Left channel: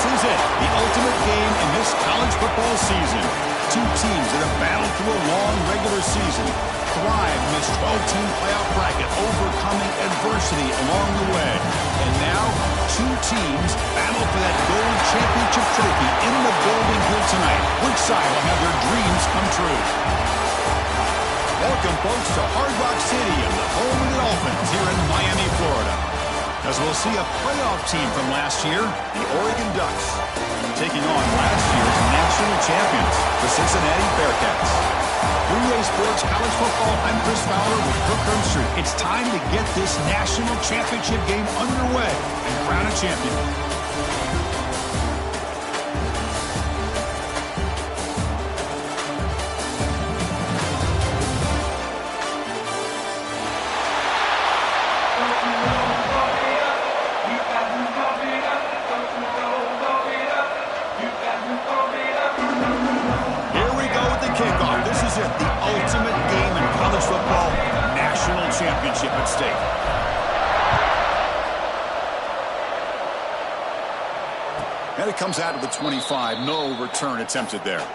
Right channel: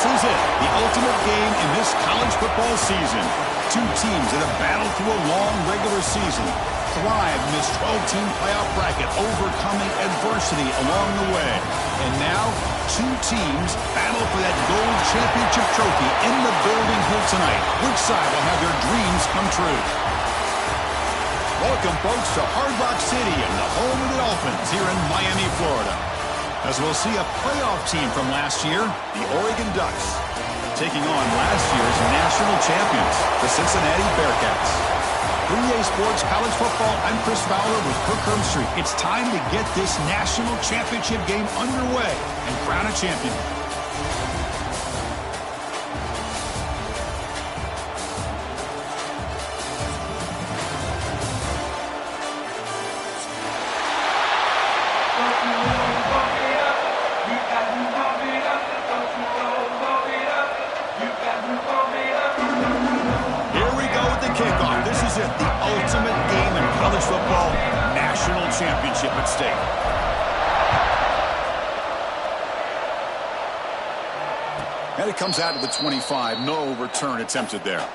This is it, the ultimate game in this college football season. Two teams that have battled through a long regular season, thrive in this 12-team playoff bracket, overcoming adversity along the way. And now, two teams battle for that gold championship trophy in the building here tonight. Which side will have their dreams come true? Welcome, folks, to Hard Rock Stadium, the home of the Dolphins here in Miami, Florida. As we'll see a playoff team from last year, the Oregon Ducks, taking on last year's national champions, the Cincinnati Bearcats. 3A Sports College Football, I'm Chris Fowler with Kirk Herbstreit. It's time to get this national championship game underway and crown a champion. The ultimate game in college football, national championship at stake. And it comes out of the 25. No return attempted there.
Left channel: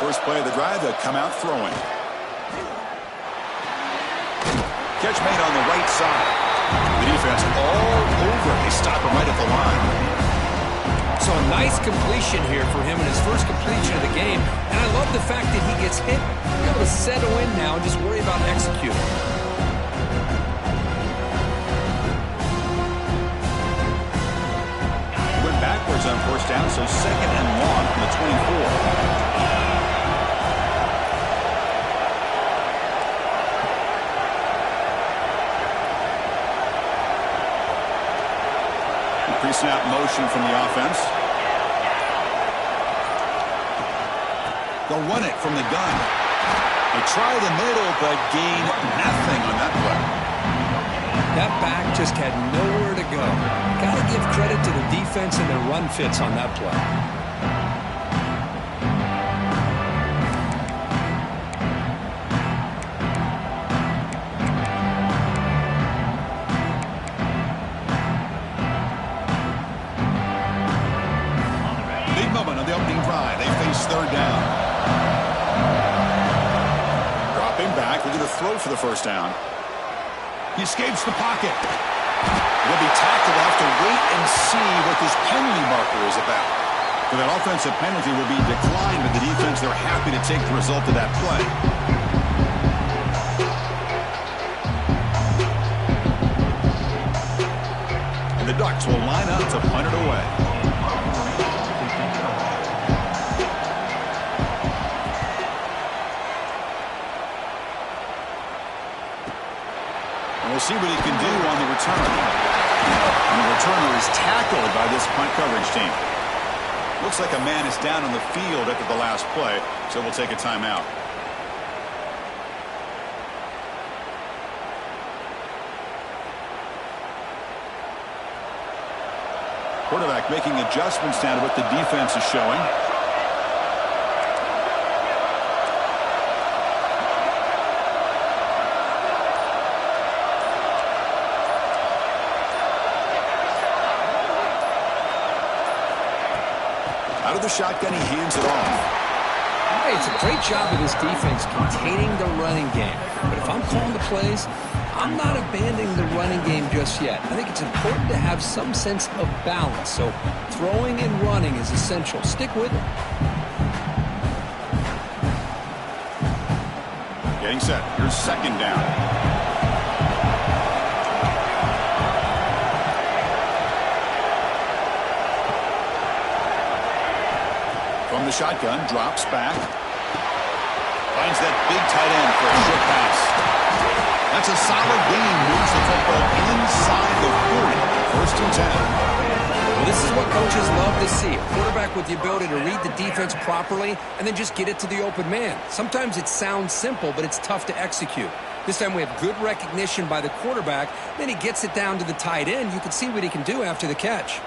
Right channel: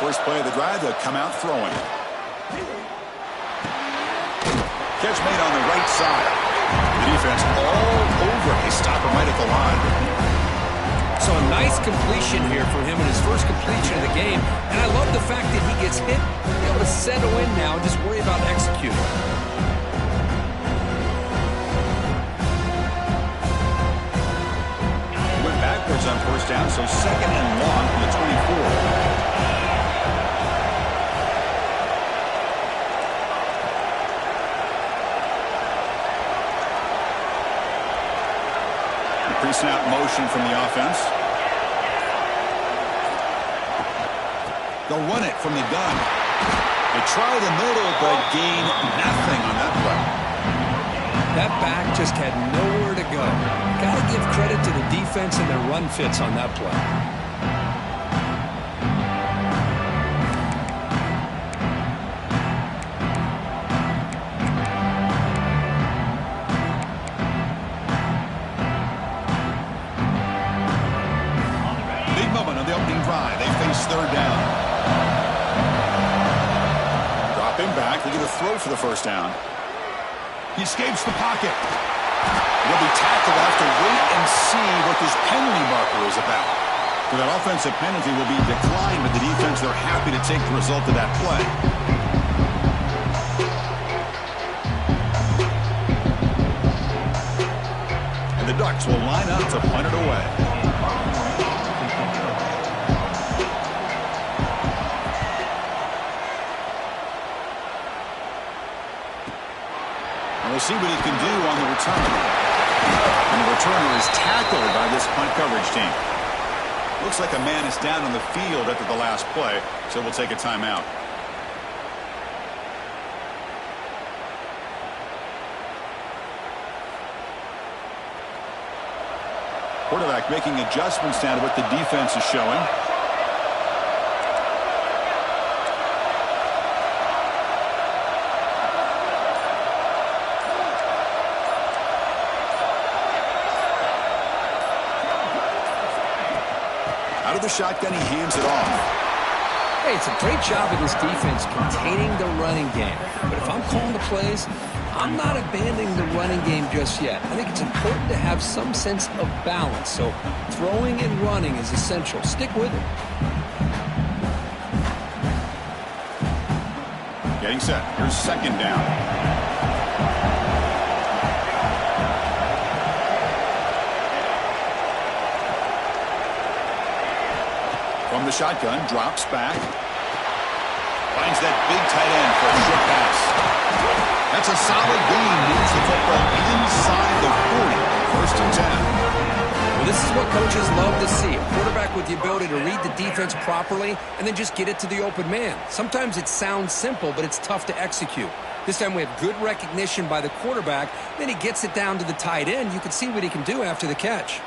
First play of the drive, they'll come out throwing. Catch made on the right side. The defense all over. They stop him right at the line. So a nice completion here for him in his first completion of the game. And I love the fact that he gets hit, be able to settle in now and just worry about executing. He went backwards on first down, so second and long from the 24. Pre-snap motion from the offense. They'll run it from the gun. They try the middle, but gain nothing on that play. That back just had nowhere to go. Got to give credit to the defense and their run fits on that play. They face third down. Dropping back, looking to throw for the first down. He escapes the pocket. He'll be tackled. They'll have to wait and see what this penalty marker is about. So that offensive penalty will be declined, but the defense, they're happy to take the result of that play. And the Ducks will line up to punt it away. We'll see what he can do on the return. And the returner is tackled by this punt coverage team. Looks like a man is down on the field after the last play, so we'll take a timeout. Quarterback making adjustments now to what the defense is showing. Out of the shotgun, he hands it off. Hey, it's a great job of this defense containing the running game. But if I'm calling the plays, I'm not abandoning the running game just yet. I think it's important to have some sense of balance. So throwing and running is essential. Stick with it. Getting set. Here's second down. From the shotgun, drops back. Finds that big tight end for a short pass. That's a solid gain. Moves the football inside the 40. First and 10. Well, this is what coaches love to see. A quarterback with the ability to read the defense properly and then just get it to the open man. Sometimes it sounds simple, but it's tough to execute. This time we have good recognition by the quarterback. Then he gets it down to the tight end. You can see what he can do after the catch.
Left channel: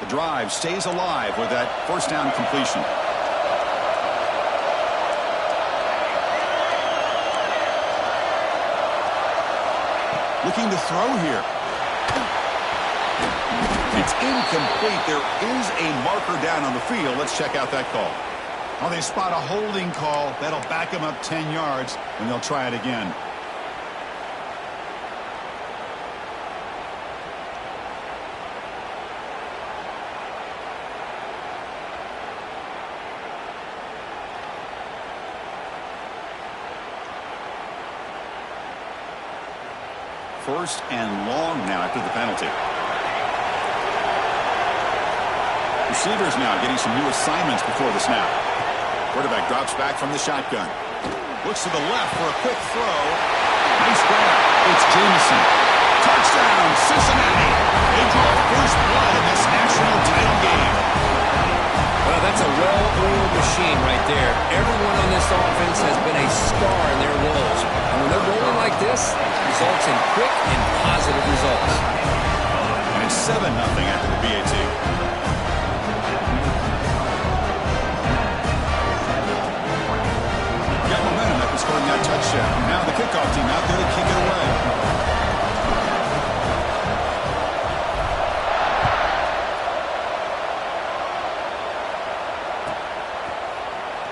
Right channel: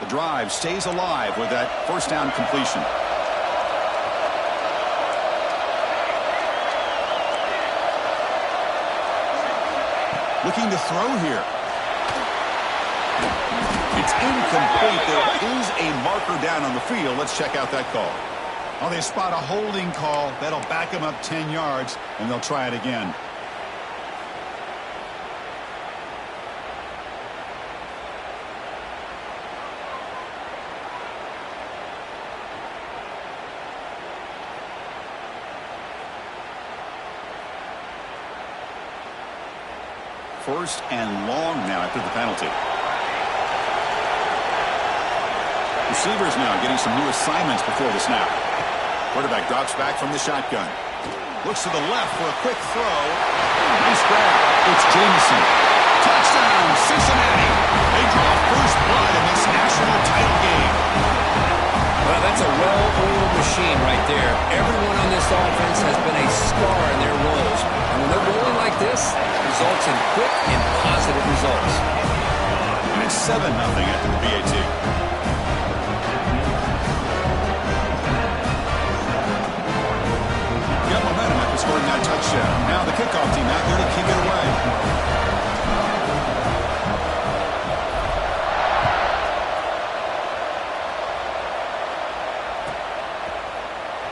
The drive stays alive with that first down completion. Looking to throw here. It's incomplete. There is a marker down on the field. Let's check out that call. Oh, they spot a holding call. That'll back them up 10 yards, and they'll try it again. First and long now after the penalty. Receivers now getting some new assignments before the snap. Quarterback drops back from the shotgun. Looks to the left for a quick throw. Nice grab. It's Jameson. Touchdown, Cincinnati. They draw first blood in this national title game. Well, that's a well-oiled machine right there. Everyone on this offense has been a star in their roles. And when they're rolling like this, it results in quick and positive results. And it's 7-0 after the BAT. Got momentum after scoring that touchdown. Now the kickoff team out there to kick it away.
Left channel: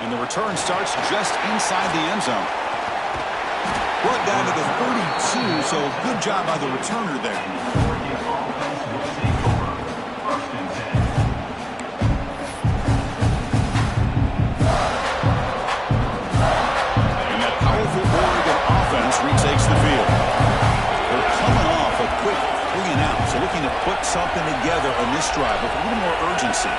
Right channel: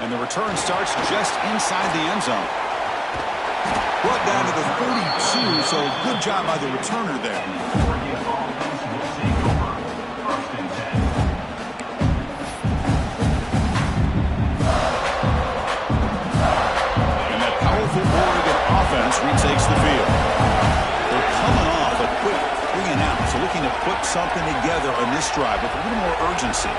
And the return starts just inside the end zone. Brought down to the 32, so good job by the returner there. And that powerful Oregon offense retakes the field. They're coming off a quick 3-and-out, so looking to put something together on this drive with a little more urgency.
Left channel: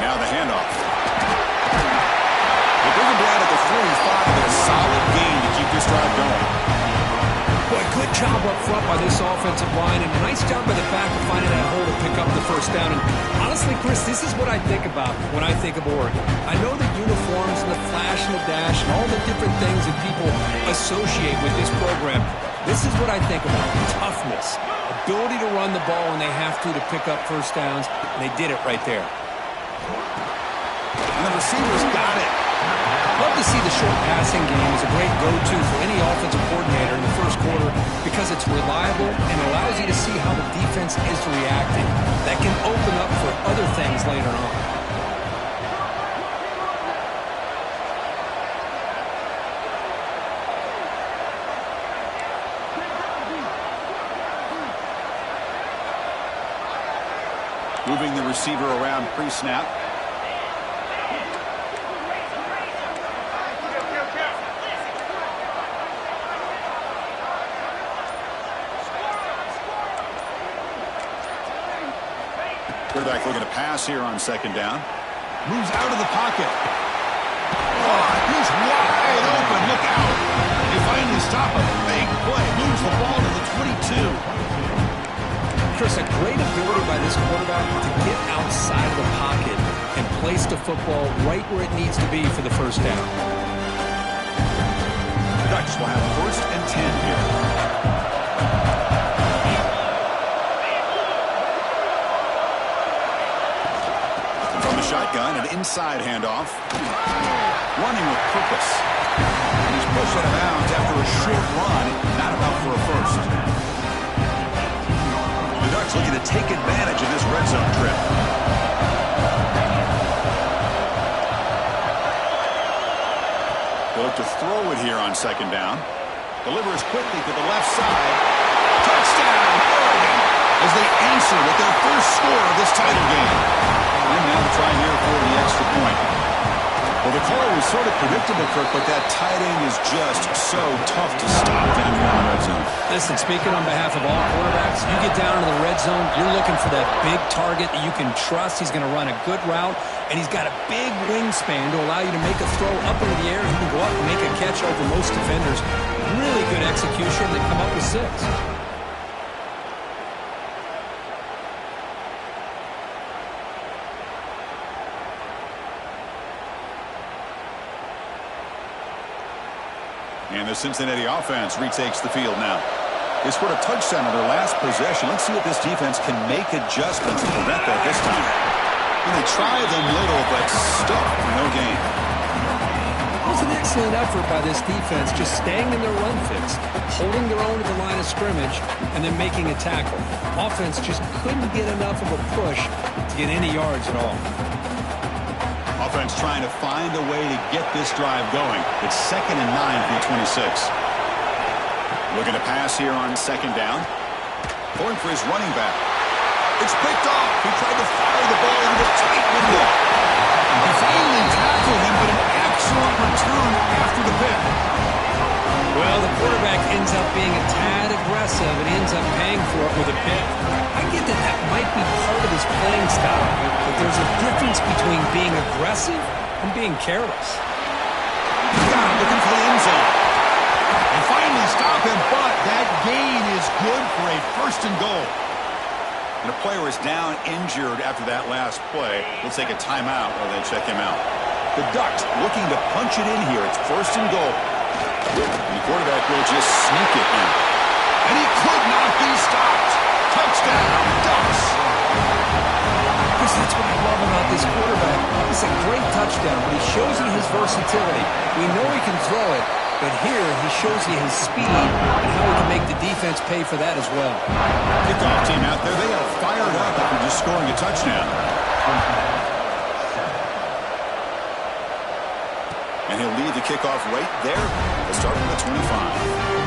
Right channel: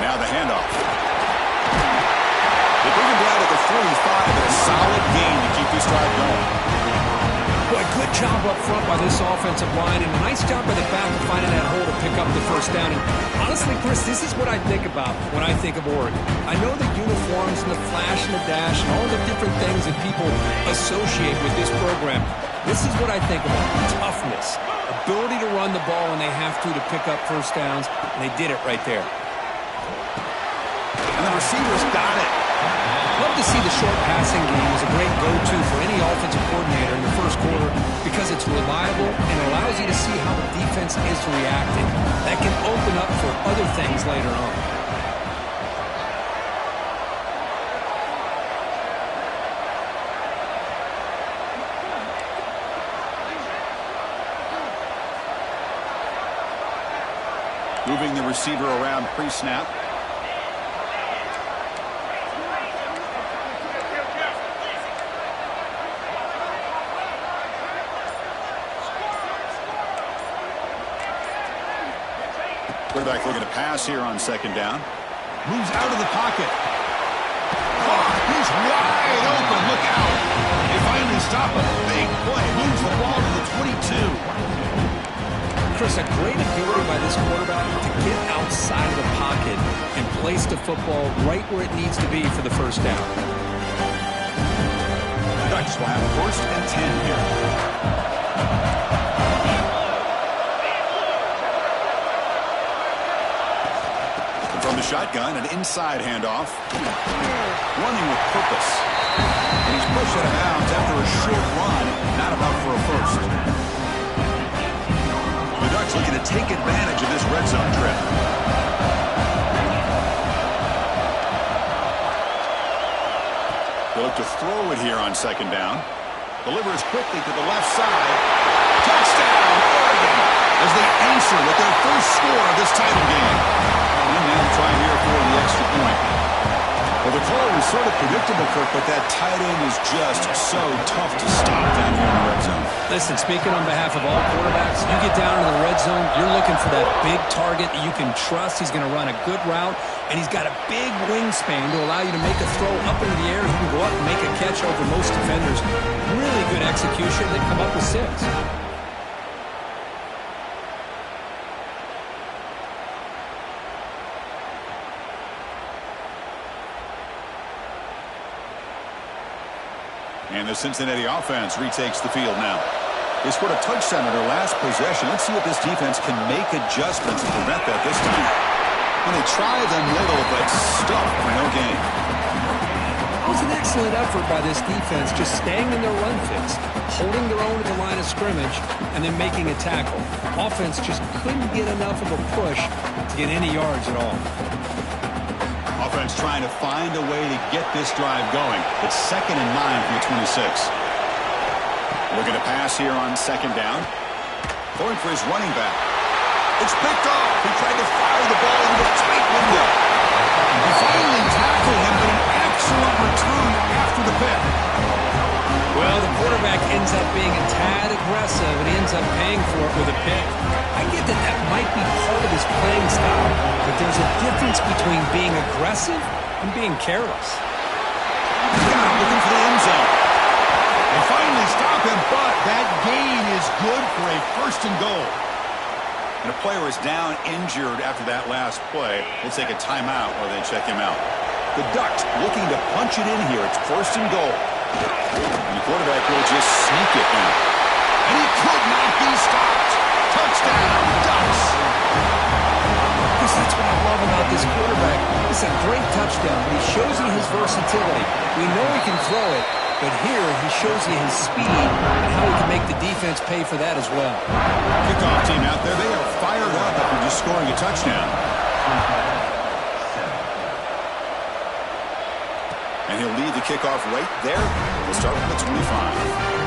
Now the handoff. They bring him down at the 45, and a solid gain to keep this drive going. Boy, good job up front by this offensive line, and a nice job by the back of finding that hole to pick up the first down. And honestly, Chris, this is what I think about when I think of Oregon. I know the uniforms and the flash and the dash and all the different things that people associate with this program. This is what I think about. Toughness, ability to run the ball when they have to pick up first downs, and they did it right there. And the receivers got it. Love to see the short passing game as a great go-to for any offensive coordinator in the first quarter because it's reliable and allows you to see how the defense is reacting. That can open up for other things later on. Moving the receiver around pre-snap. Quarterback looking to pass here on second down. Moves out of the pocket. Oh, he's wide open. Look out. They finally stop a big play. Moves the ball to the 22. Chris, a great ability by this quarterback to get outside of the pocket and place the football right where it needs to be for the first down. The Ducks will have first and 10 here. From the shotgun, an inside handoff. Running with purpose. And he's pushed out of bounds after a short run, not enough for a first. The Ducks looking to take advantage of this red zone trip. They look to throw it here on second down. Delivers quickly to the left side. Touchdown, Oregon, as they answer with their first score of this title game. And now to try here for the extra point. Well, the call was sort of predictable, Kirk, but that tight end is just so tough to stop down here in the red zone. Listen, speaking on behalf of all quarterbacks, you get down to the red zone, you're looking for that big target that you can trust. He's going to run a good route, and he's got a big wingspan to allow you to make a throw up into the air. He can go up and make a catch over most defenders. Really good execution. They come up with 6. And the Cincinnati offense retakes the field now. They scored a touchdown on their last possession. Let's see if this defense can make adjustments to prevent that this time. And they try them little, but stuck for no gain. It was an excellent effort by this defense, just staying in their run fits, holding their own at the line of scrimmage, and then making a tackle. Offense just couldn't get enough of a push to get any yards at all. Offense trying to find a way to get this drive going. It's 2nd and 9 from the 26. Looking to pass here on 2nd down. Going for his running back. It's picked off. He tried to fire the ball into the tight window. They finally tackled him, but an excellent return after the pick. Well, the quarterback ends up being a tad aggressive, and he ends up paying for it with a pick. I get that that might be part of his playing style, but there's a difference between being aggressive and being careless. Got him looking for the end zone. They finally stop him, but that gain is good for a 1st and goal. And a player is down injured after that last play. We'll take a timeout while they check him out. The Ducks looking to punch it in here. It's 1st and goal. And the quarterback will just sneak it in. And he could not be stopped. Touchdown, Ducks. Because that's what I love about this quarterback. It's a great touchdown, but he shows you his versatility. We know he can throw it, but here he shows you his speed and how he can make the defense pay for that as well. Kickoff team out there, they are fired up after just scoring a touchdown. And he'll lead the kickoff right there. We'll start from the 25.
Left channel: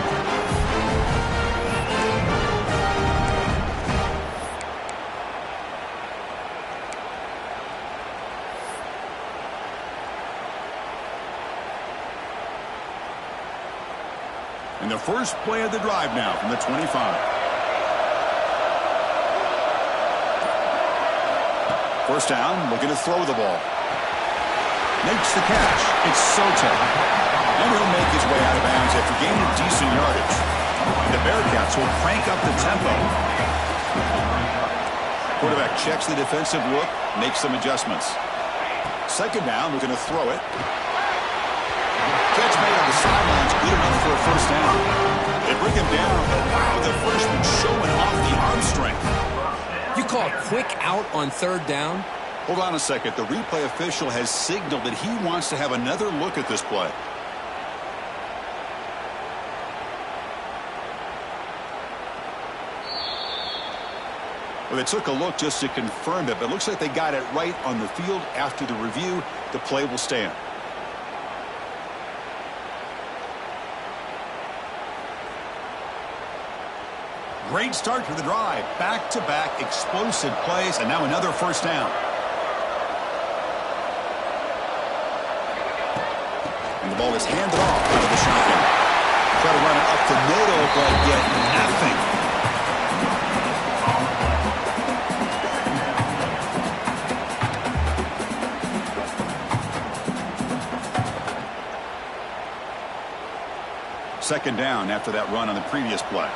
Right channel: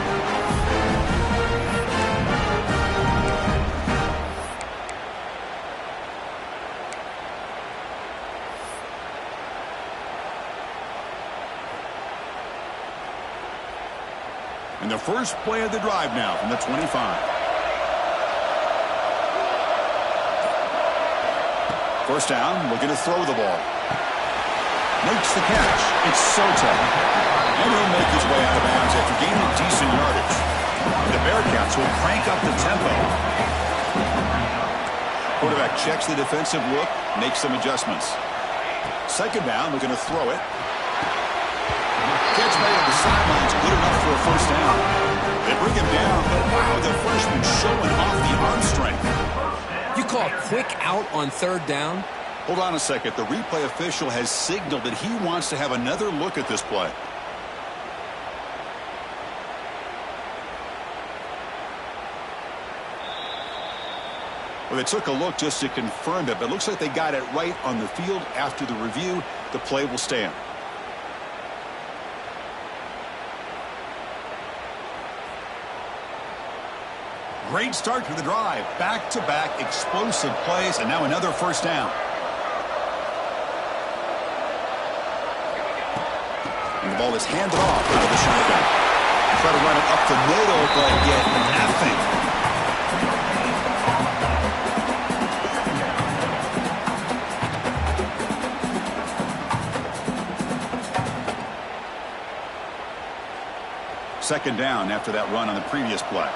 And the first play of the drive now from the 25. First down, looking to throw the ball. Makes the catch. It's Soto. And he'll make his way out of bounds after gaining decent yardage. And the Bearcats will crank up the tempo. Quarterback checks the defensive look, makes some adjustments. 2nd down, looking to throw it. Catch made on the sidelines, good enough for a 1st down. They bring him down, but wow, the freshman showing off the arm strength. You call a quick out on 3rd down? Hold on a second. The replay official has signaled that he wants to have another look at this play. Well, they took a look just to confirm it, but it looks like they got it right on the field. After the review, the play will stand. Great start to the drive. Back-to-back explosive plays, and now another 1st down. And the ball is handed off out of the shotgun. Try to run it up the middle, but get nothing. Second down after that run on the previous play.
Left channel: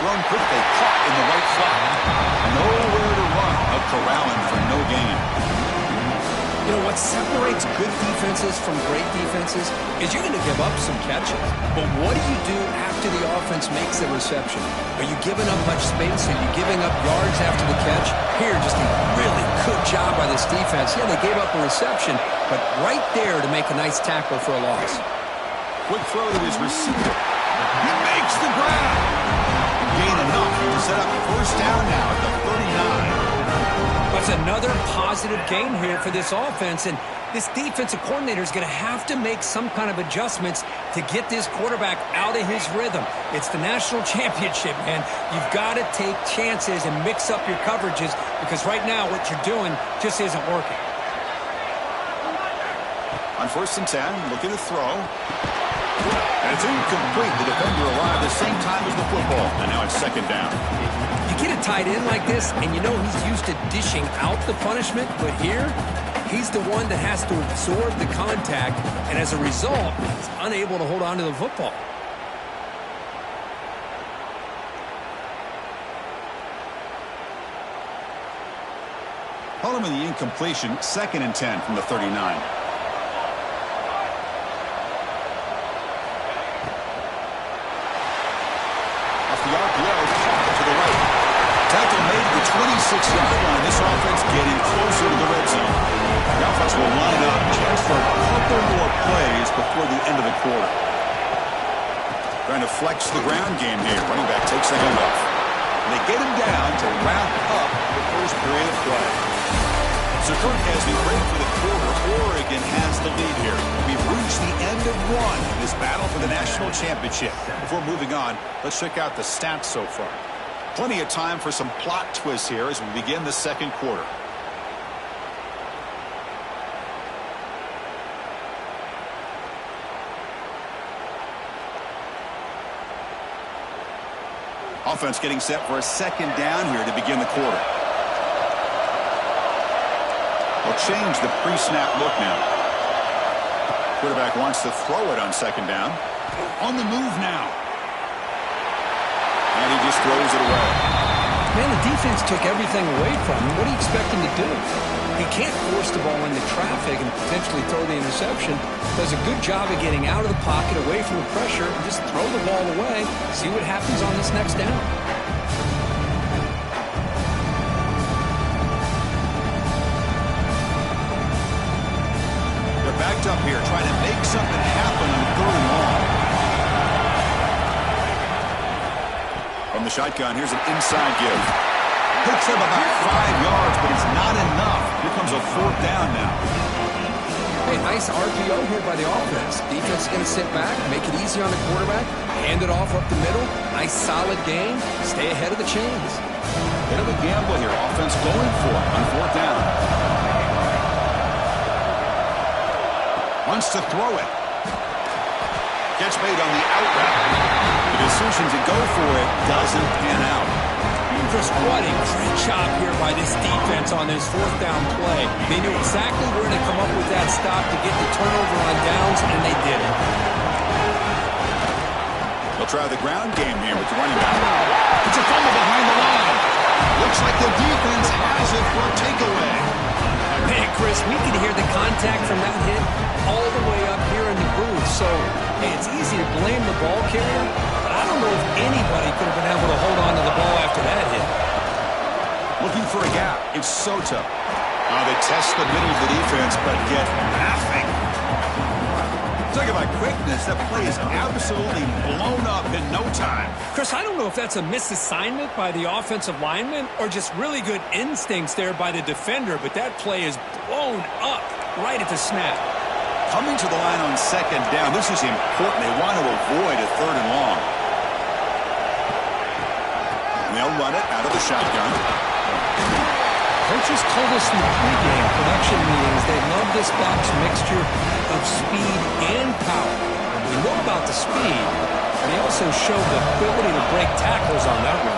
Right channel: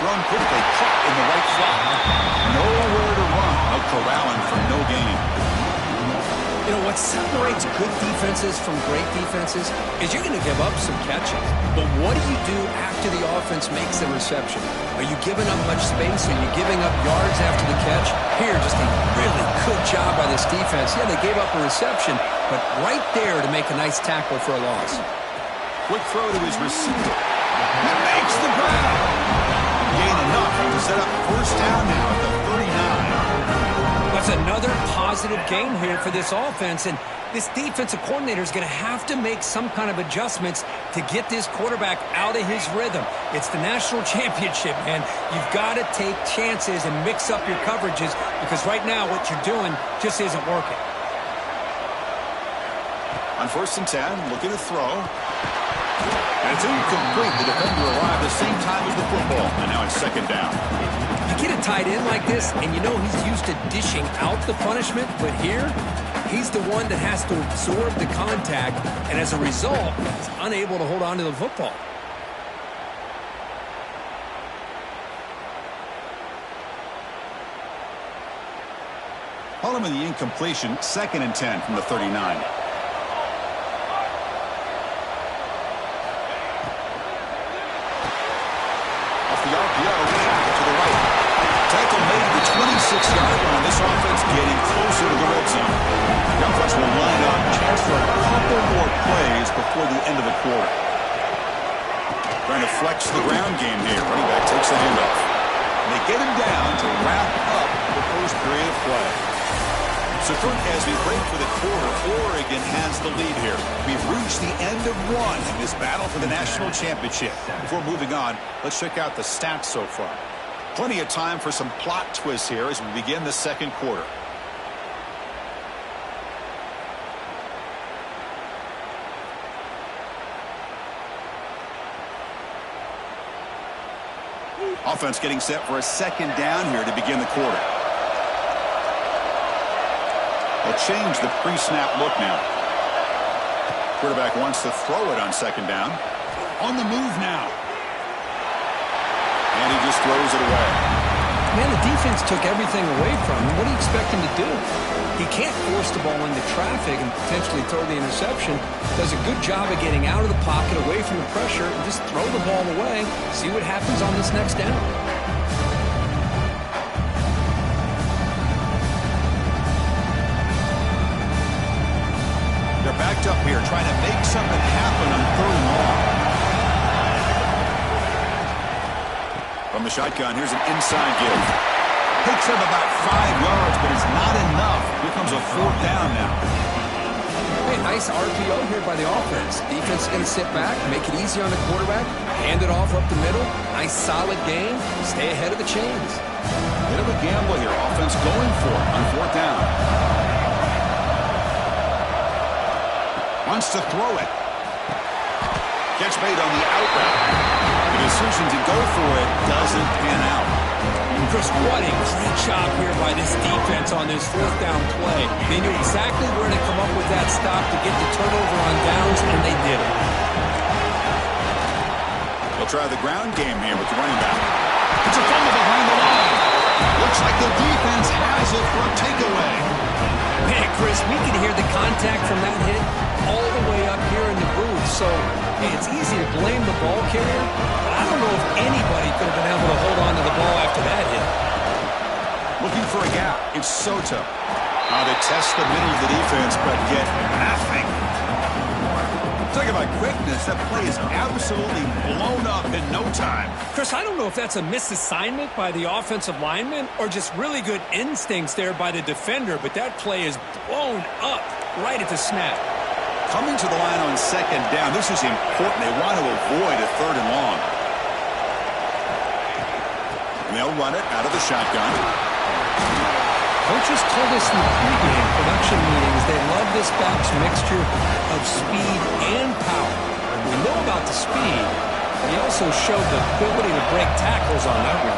Thrown quickly, caught in the right slot. Nowhere to run. A corralling for no gain. You know, what separates good defenses from great defenses is you're going to give up some catches. But what do you do after the offense makes the reception? Are you giving up much space? Are you giving up yards after the catch? Here, just a really good job by this defense. Yeah, they gave up a reception, but right there to make a nice tackle for a loss. Quick throw to his receiver. He makes the grab. Gain enough to set up 1st down now at the 39. That's another positive gain here for this offense, and this defensive coordinator is going to have to make some kind of adjustments to get this quarterback out of his rhythm. It's the national championship, man. You've got to take chances and mix up your coverages because right now what you're doing just isn't working. On 1st and 10, looking to throw. And it's incomplete. The defender arrived the same time as the football. And now it's 2nd down. You get a tight end like this, and you know he's used to dishing out the punishment. But here, he's the one that has to absorb the contact. And as a result, he's unable to hold on to the football. Following the incompletion, 2nd and 10 from the 39. Off the RPO, shot to the right. Tackle made to the 26-yard line. This offense getting closer to the red zone. The offense will line up. Chance for a couple more plays before the end of the quarter. Trying to flex the ground game here. Running back takes the handoff. And they get him down to wrap up the first period of play. So, Kurt, as we break for the quarter, Oregon has the lead here. We've reached the end of one in this battle for the national championship. Before moving on, let's check out the stats so far. Plenty of time for some plot twists here as we begin the second quarter. Offense getting set for a second down here to begin the quarter. They'll change the pre-snap look now. Quarterback wants to throw it on second down. On the move now. And he just throws it away. Man, the defense took everything away from him. What do you expect him to do? He can't force the ball into traffic and potentially throw the interception. Does a good job of getting out of the pocket, away from the pressure, and just throw the ball away. See what happens on this next down. They're backed up here, trying to make something happen on 3rd and long. From the shotgun, here's an inside give. Picks up about 5 yards, but it's not enough. Here comes a 4th down now. Hey, nice RPO here by the offense. Defense is going to sit back, make it easy on the quarterback, hand it off up the middle. Nice solid game. Stay ahead of the chains. Bit of a gamble here. Offense going for it on 4th down. Wants to throw it. Catch made on the out route. The decision to go for it doesn't pan out. Chris, what a great job here by this defense on this 4th down play. They knew exactly where to come up with that stop to get the turnover on downs, and they did it. They'll try the ground game here with the running back. It's a fumble behind the line. Looks like the defense has it for a takeaway. Man, Chris, we can hear the contact from that hit all the way up here in the booth. So, hey, it's easy to blame the ball carrier, but I don't know if anybody could have been able to hold on to the ball after that hit. Looking for a gap. It's Soto. They test the middle of the defense, but get nothing. Talk about quickness. That play is absolutely blown up in no time. Chris, I don't know if that's a misassignment by the offensive lineman or just really good instincts there by the defender, but that play is blown up right at the snap. Coming to the line on 2nd down. This is important. They want to avoid a 3rd and long. And they'll run it out of the shotgun. Coaches told us in the pregame production meetings they love this back's mixture of speed and power. We know about the speed, but he also showed the ability to break tackles on that run.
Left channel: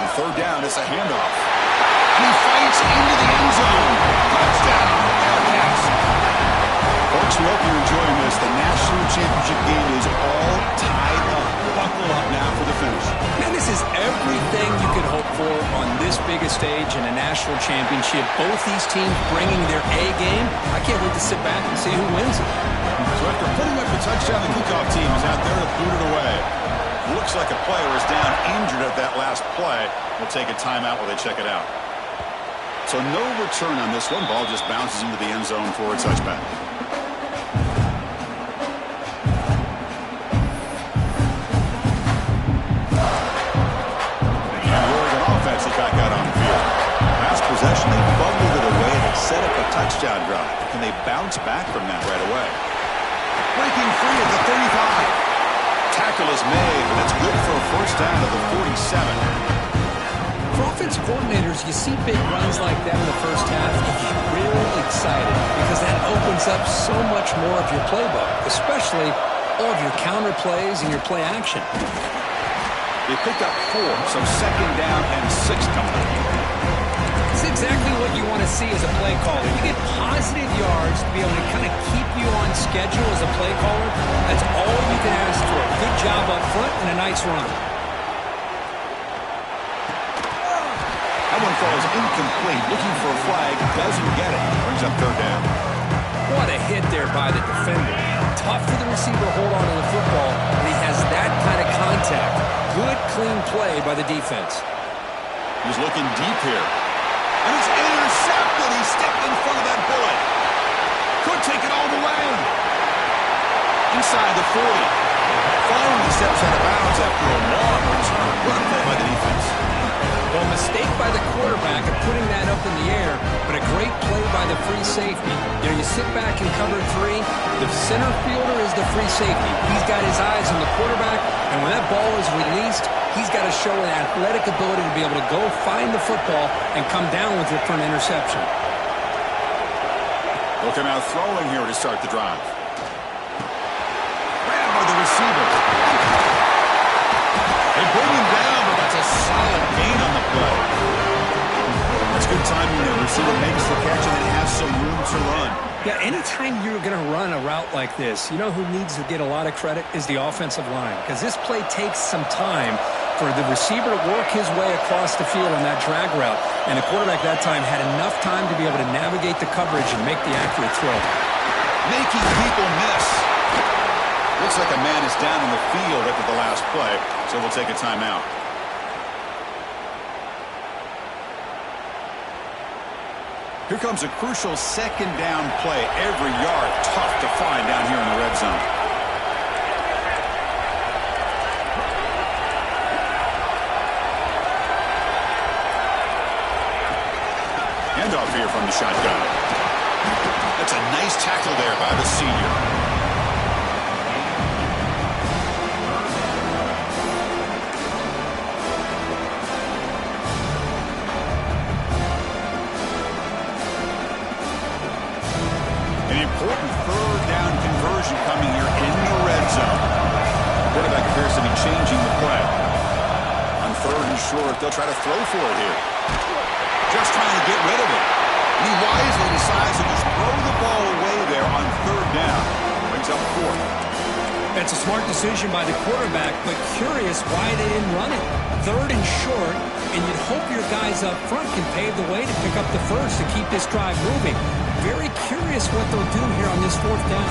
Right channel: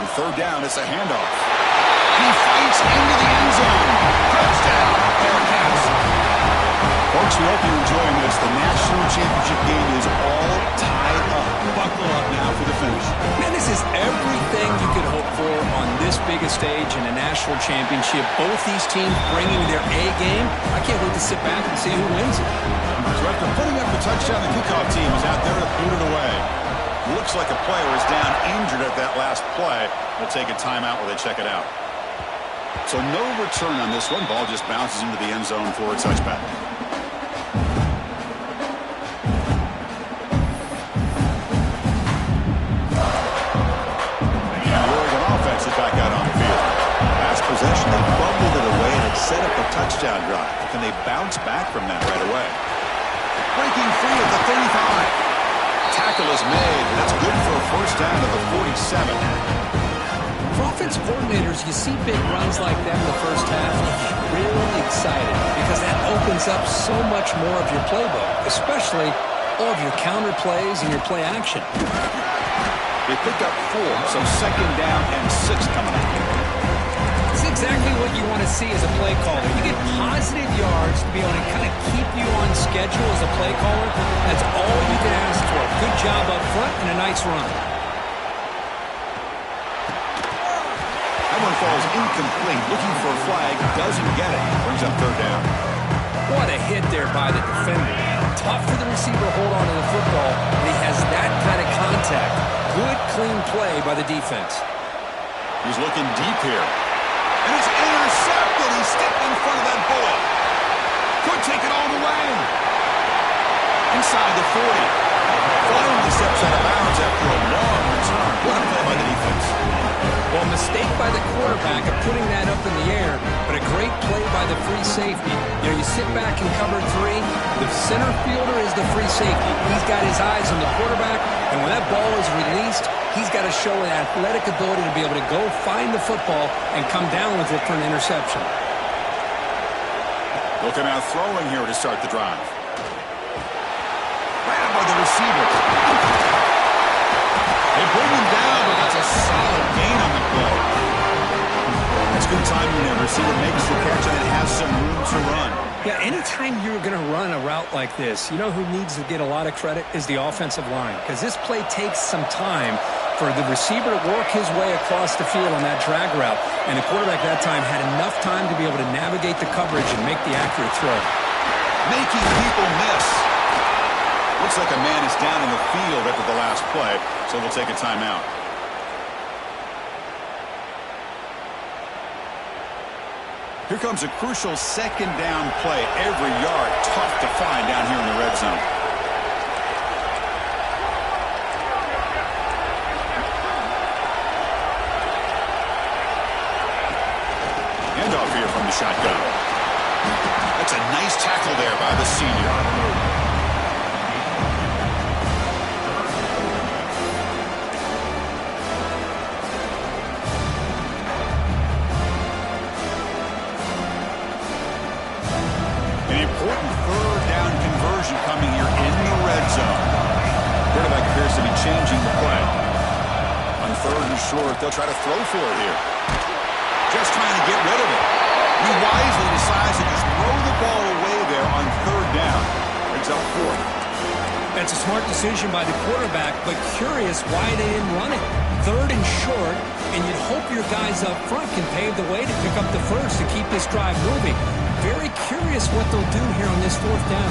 On 3rd down, it's a handoff. And he fights into the end zone. Touchdown, Bearcats. Folks, we hope you're enjoying this. The national championship game is all tied up. Buckle up now for the finish. Man, this is everything you could hope for on this biggest stage in a national championship. Both these teams bringing their A game. I can't wait to sit back and see who wins it. So after putting up the touchdown, the kickoff team is out there to boot it away. Looks like a player is down injured at that last play. We'll take a timeout while they check it out. So no return on this one. Ball just bounces into the end zone for a touchback. Is back out on the field. Last possession, they bubbled it away and it set up a touchdown drive. Can they bounce back from that right away? Breaking free at the 35. Tackle is made, but that's good for a 1st down at the 47. For offensive coordinators, you see big runs like that in the first half, you get really excited because that opens up so much more of your playbook, especially all of your counter plays and your play action. They pick up 4, so 2nd down and 6 coming up. This is exactly what you want to see as a play caller. You get positive yards to be able to kind of keep you on schedule as a play caller. That's all you can ask for. Good job up front and a nice run. That one falls incomplete. Looking for a flag. Doesn't get it. Brings up third down. What a hit there by the defender. Tough for the receiver to hold on to the football, and he has that kind of contact. Good, clean play by the defense. He's looking deep here. And it's intercepted. He stepped in front of that bullet. Could take it all the way. Inside the 40. Finally steps out of bounds after a long return. What a play by the defense. Well, mistake by the quarterback of putting that up in the air, but a great play by the free safety. You know, you sit back in cover 3, the center fielder is the free safety. He's got his eyes on the quarterback, and when that ball is released, he's got to show an athletic ability to be able to go find the football and come down with it for an interception. They'll come out throwing here to start the drive. Grabbed by the receiver. They bring him down, but that's a solid gain on the play. That's good timing there. Receiver makes the catch and then has some room to run. Yeah, anytime you're going to run a route like this, you know who needs to get a lot of credit is the offensive line, because this play takes some time for the receiver to work his way across the field on that drag route, and the quarterback that time had enough time to be able to navigate the coverage and make the accurate throw. Making people miss. Looks like a man is down in the field after the last play, so we'll take a timeout. Here comes a crucial second down play. Every yard tough to find down here in the red zone. Handoff here from the shotgun. That's a nice tackle there by the senior. An important third down conversion coming here in the red zone. Quarterback appears to be changing the play. On third and short, they'll try to throw for it here. Just trying to get rid of it. He wisely decides to just throw the ball away there on third down. Brings up fourth. That's a smart decision by the quarterback, but curious why they didn't run it. Third and short, and you'd hope your guys up front can pave the way to pick up the first to keep this drive moving. Very curious what they'll do here on this fourth down.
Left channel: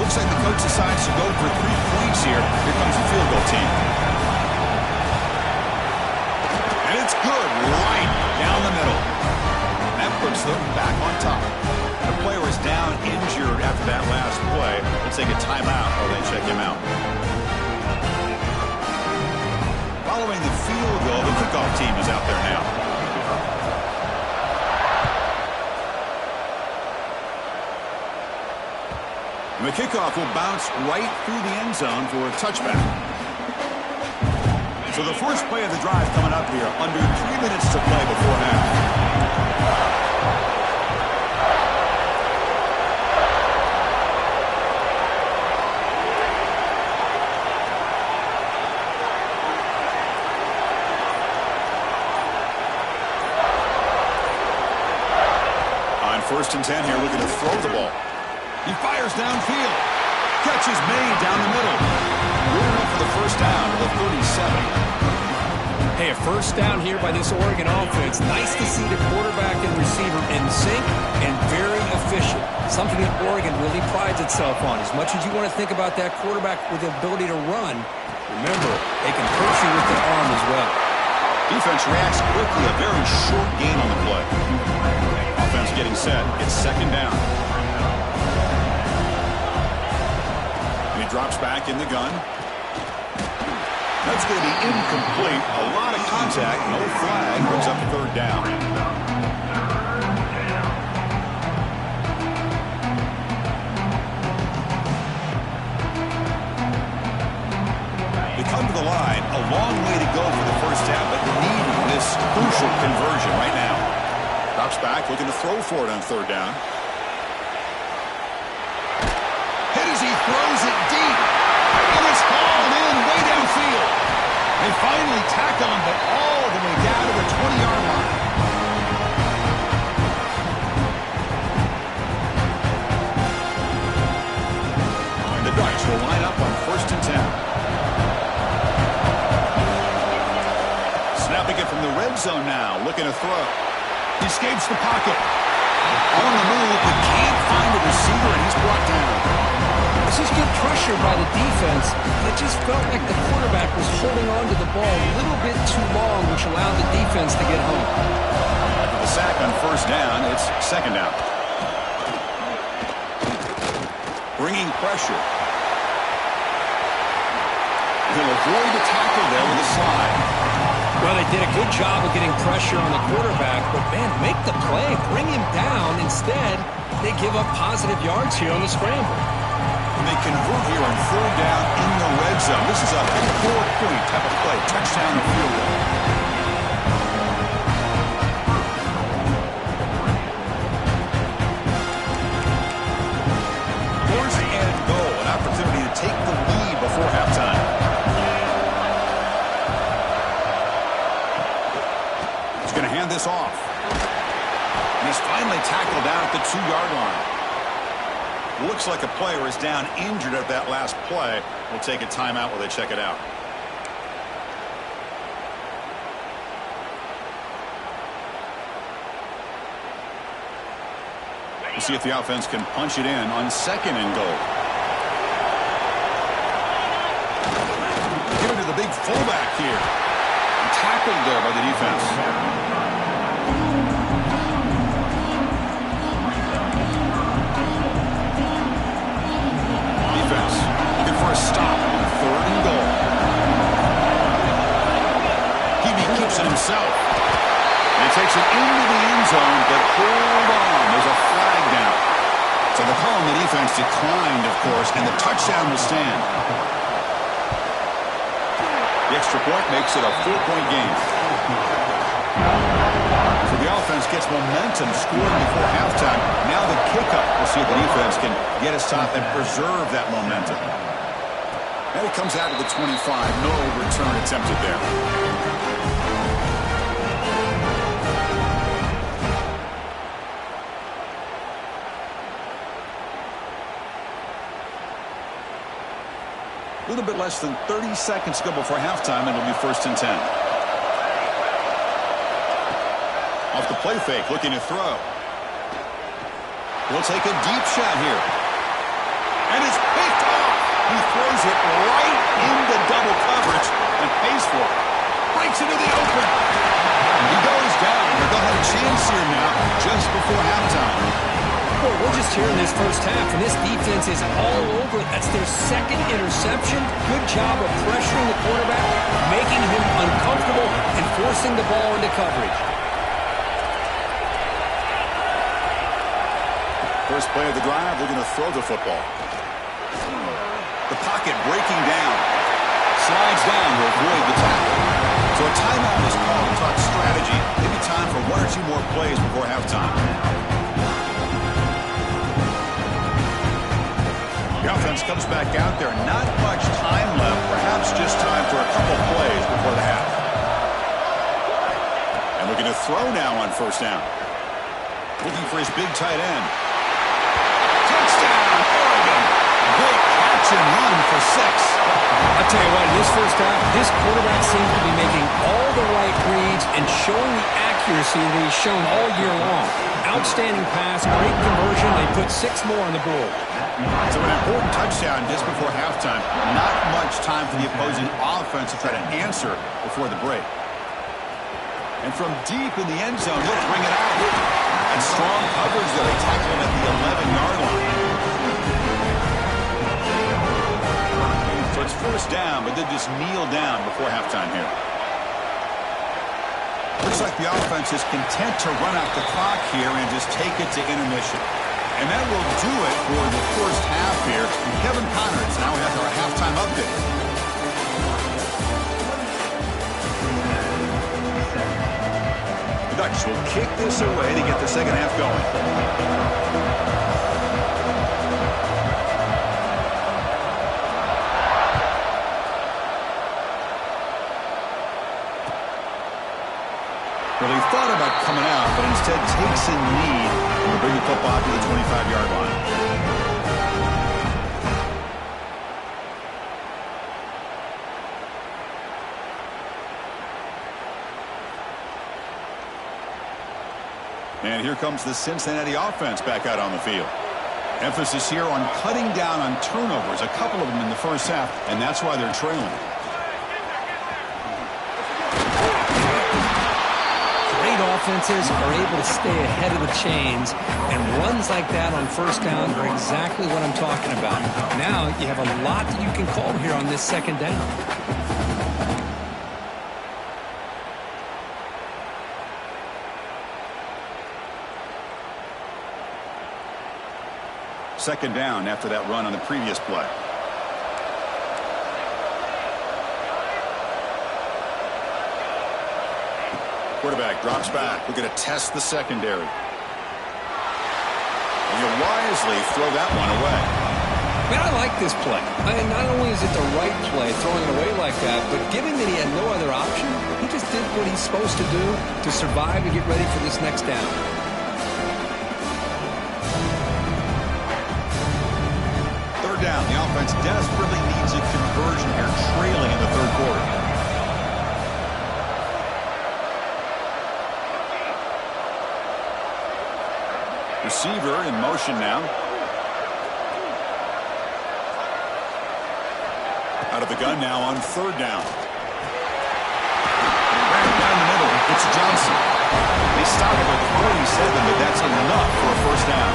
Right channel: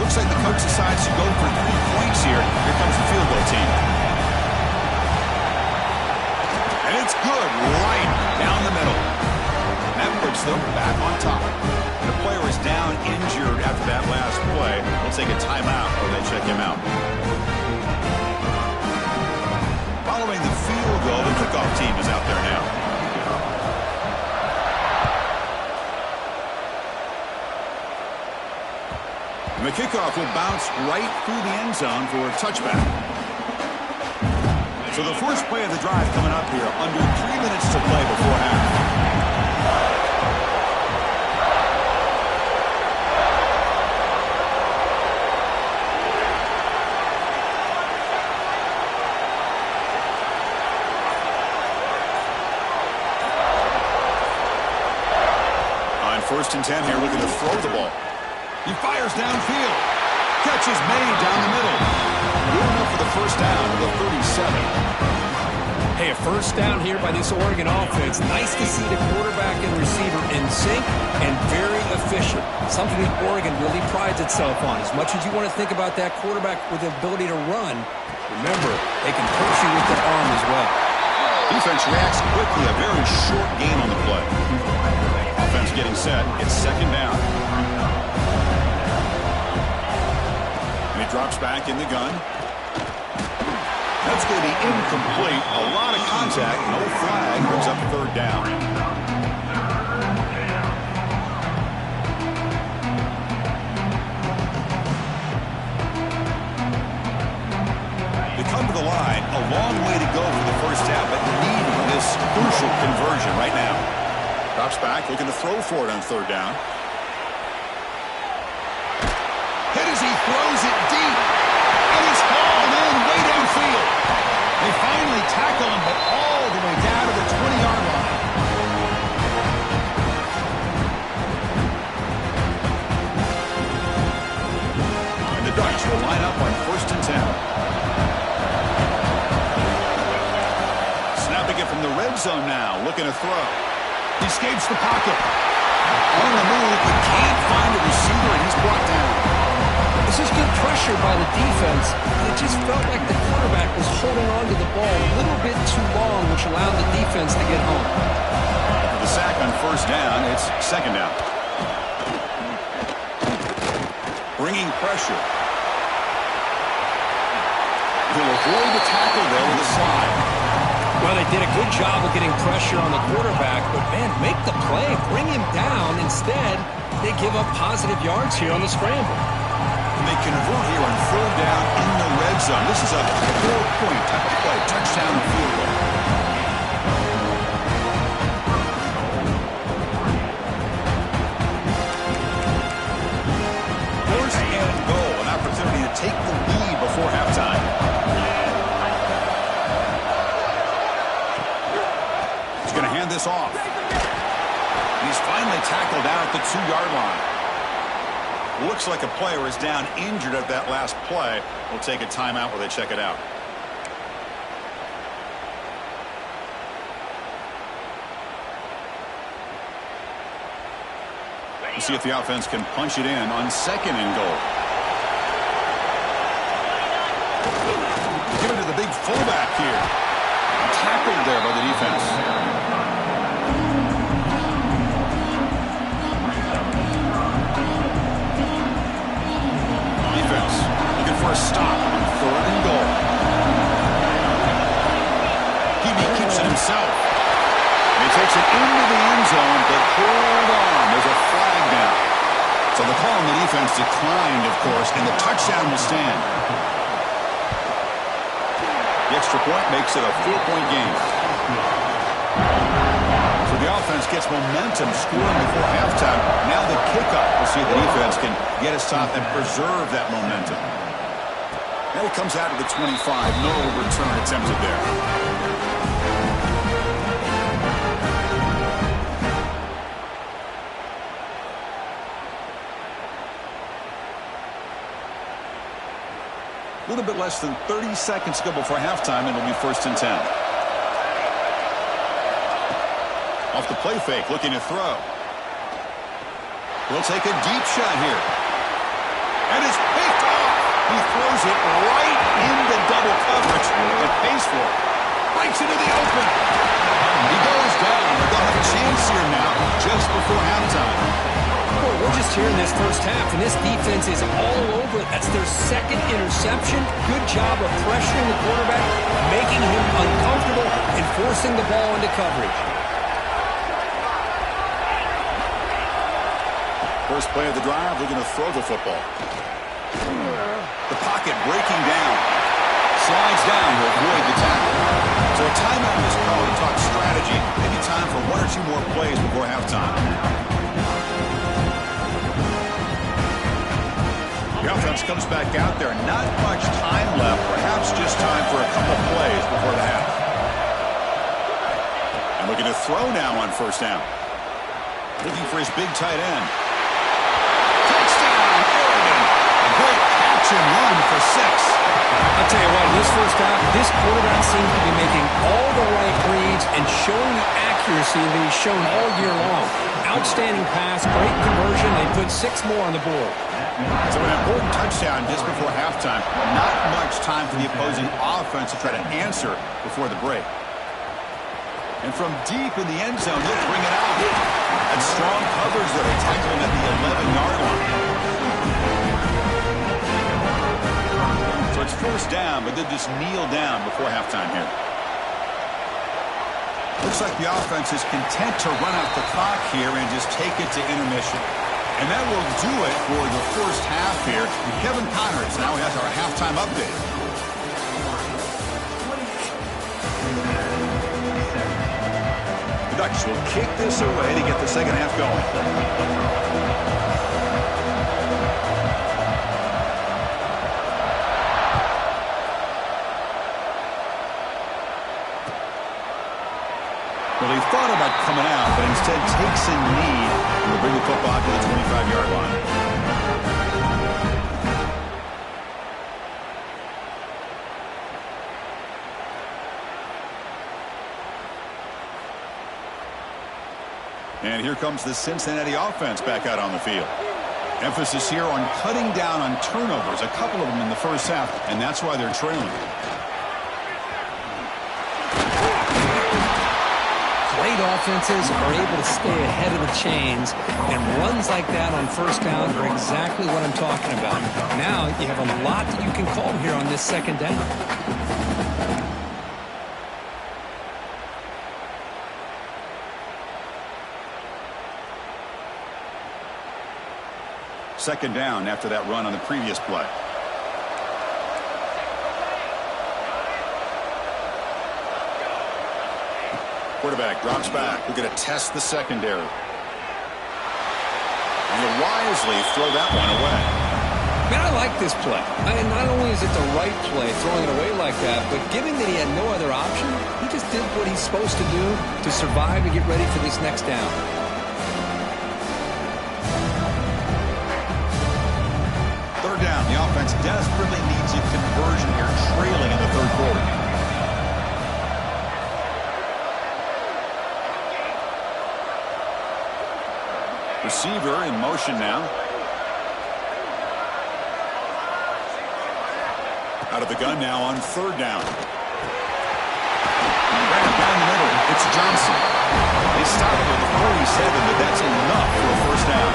Looks like the coach decides to go for 3 points here. Here comes the field goal team. And it's good right down the middle. That puts them back on top. The player is down injured after that last play. We'll take a timeout while they check him out. Following the field goal, the kickoff team is out there now. And the kickoff will bounce right through the end zone for a touchback. So the first play of the drive coming up here, under 3 minutes to play before half. On 1st and 10 here, looking to throw the ball. He fires downfield. Catch is made down the middle. Good enough for the first down to the 37. Hey, a first down here by this Oregon offense. Nice to see the quarterback and receiver in sync and very efficient. Something that Oregon really prides itself on. As much as you want to think about that quarterback with the ability to run, remember, they can hurt you with their arm as well. Defense reacts quickly. A very short gain on the play. Offense getting set. It's second down. And he drops back in the gun. That's going to be incomplete. A lot of contact. No flag. Brings up third down. They come to the line. A long way to go for the first down, but needing this crucial conversion right now. Drops back, looking to throw for it on third down. Hit as he throws it deep. And it's hauled in way downfield. They finally tackle him, but all the way down to the 20-yard line. Ducks will line up on 1st and 10. Snapping it from the red zone now, looking to throw. He escapes the pocket. On the move, but can't find a receiver, and he's brought down. This is good pressure by the defense, and it just felt like the quarterback was holding on to the ball a little bit too long, which allowed the defense to get home. After the sack on 1st down, it's 2nd down. Bringing pressure. He'll avoid the tackle there with a slide. Well, they did a good job of getting pressure on the quarterback, but, man, make the play. Bring him down. Instead, they give up positive yards here on the scramble. And they convert here on 3rd down in the red zone. This is a 4-point type of play, touchdown or field goal. 1st and goal, an opportunity to take the lead before halftime. Going to hand this off. And he's finally tackled down at the 2-yard line. Looks like a player is down injured at that last play. We'll take a timeout while they check it out. We'll see if the offense can punch it in on 2nd and goal. Give it to the big fullback here. Tackled there by the defense. Defense looking for a stop on 3rd and goal. Hebe keeps it himself. And he takes it into the end zone, but hold on. There's a flag down. So the call on the defense declined, of course, and the touchdown will stand. The extra point makes it a 4-point game. So the offense gets momentum scoring before halftime. Now the kickoff. We'll see if the defense can get a stop and preserve that momentum. And it comes out of the 25. No return attempted there. A little bit less than 30 seconds to go before halftime, and it'll be 1st and 10. Off the play fake, looking to throw. He'll take a deep shot here. And it's picked off. He throws it right into double coverage and pays for it. Breaks into the open. He goes down, but they'll have a chance here now just before halftime. Boy, we're just here in this first half, and this defense is all over it. That's their 2nd interception. Good job of pressuring the quarterback, making him uncomfortable, and forcing the ball into coverage. First play of the drive, looking to throw the football. The pocket breaking down. Slides down to avoid the tackle. So a timeout is called to talk strategy. Maybe time for 1 or 2 more plays before halftime. The offense comes back out there. Not much time left. Perhaps just time for a couple plays before the half. And looking to throw now on 1st down. Looking for his big tight end. Touchdown, Oregon. A great catch and run for 6. I'll tell you what, in this first half, this quarterback seems to be making all the right reads and showing the accuracy that he's shown all year long. Outstanding pass, great conversion. They put 6 more on the board. So an important touchdown just before halftime. Not much time for the opposing offense to try to answer before the break. And from deep in the end zone, he'll bring it out. That's strong coverage there. They tackle him at the 11-yard line. So it's 1st down, but they just kneel down before halftime here. Looks like the offense is content to run out the clock here and just take it to intermission. And that will do it for the first half here. Kevin Connors now has our halftime update. The Ducks will kick this away to get the second half going. Well, he thought about coming out, but instead takes a knee and will bring the football to the 25-yard line. And here comes the Cincinnati offense back out on the field. Emphasis here on cutting down on turnovers, a couple of them in the first half, and that's why they're trailing. Great offenses are able to stay ahead of the chains, and runs like that on first down are exactly what I'm talking about. Now you have a lot that you can call here on this second down. Second down after that run on the previous play. Quarterback drops back. We're going to test the secondary. And he'll wisely throw that one away. Man, I like this play. Not only is it the right play, throwing it away like that, but given that he had no other option, he just did what he's supposed to do to survive and get ready for this next down. Third down. The offense desperately needs a conversion here, trailing in the third quarter. Receiver in motion now. Out of the gun now on third down. Ran down the middle. It's Johnson. They stop him at the 47, but that's enough for a first down.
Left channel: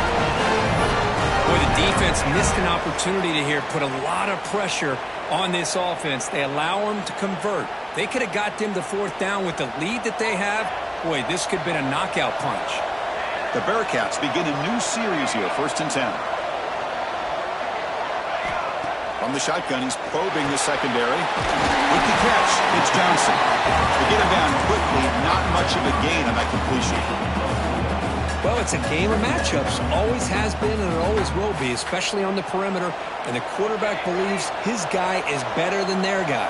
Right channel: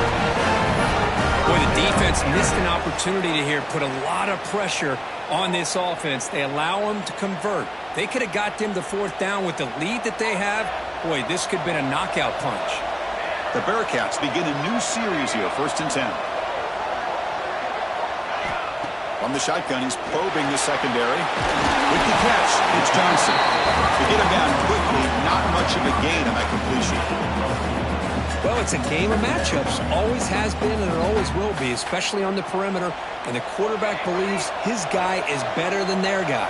Boy, the defense missed an opportunity to here put a lot of pressure on this offense. They allow them to convert. They could have got them the fourth down with the lead that they have. Boy, this could have been a knockout punch. The Bearcats begin a new series here, 1st and 10. From the shotgun, he's probing the secondary. With the catch, it's Johnson. They get him down quickly, not much of a gain on that completion. Well, it's a game of matchups. Always has been and it always will be, especially on the perimeter. And the quarterback believes his guy is better than their guy.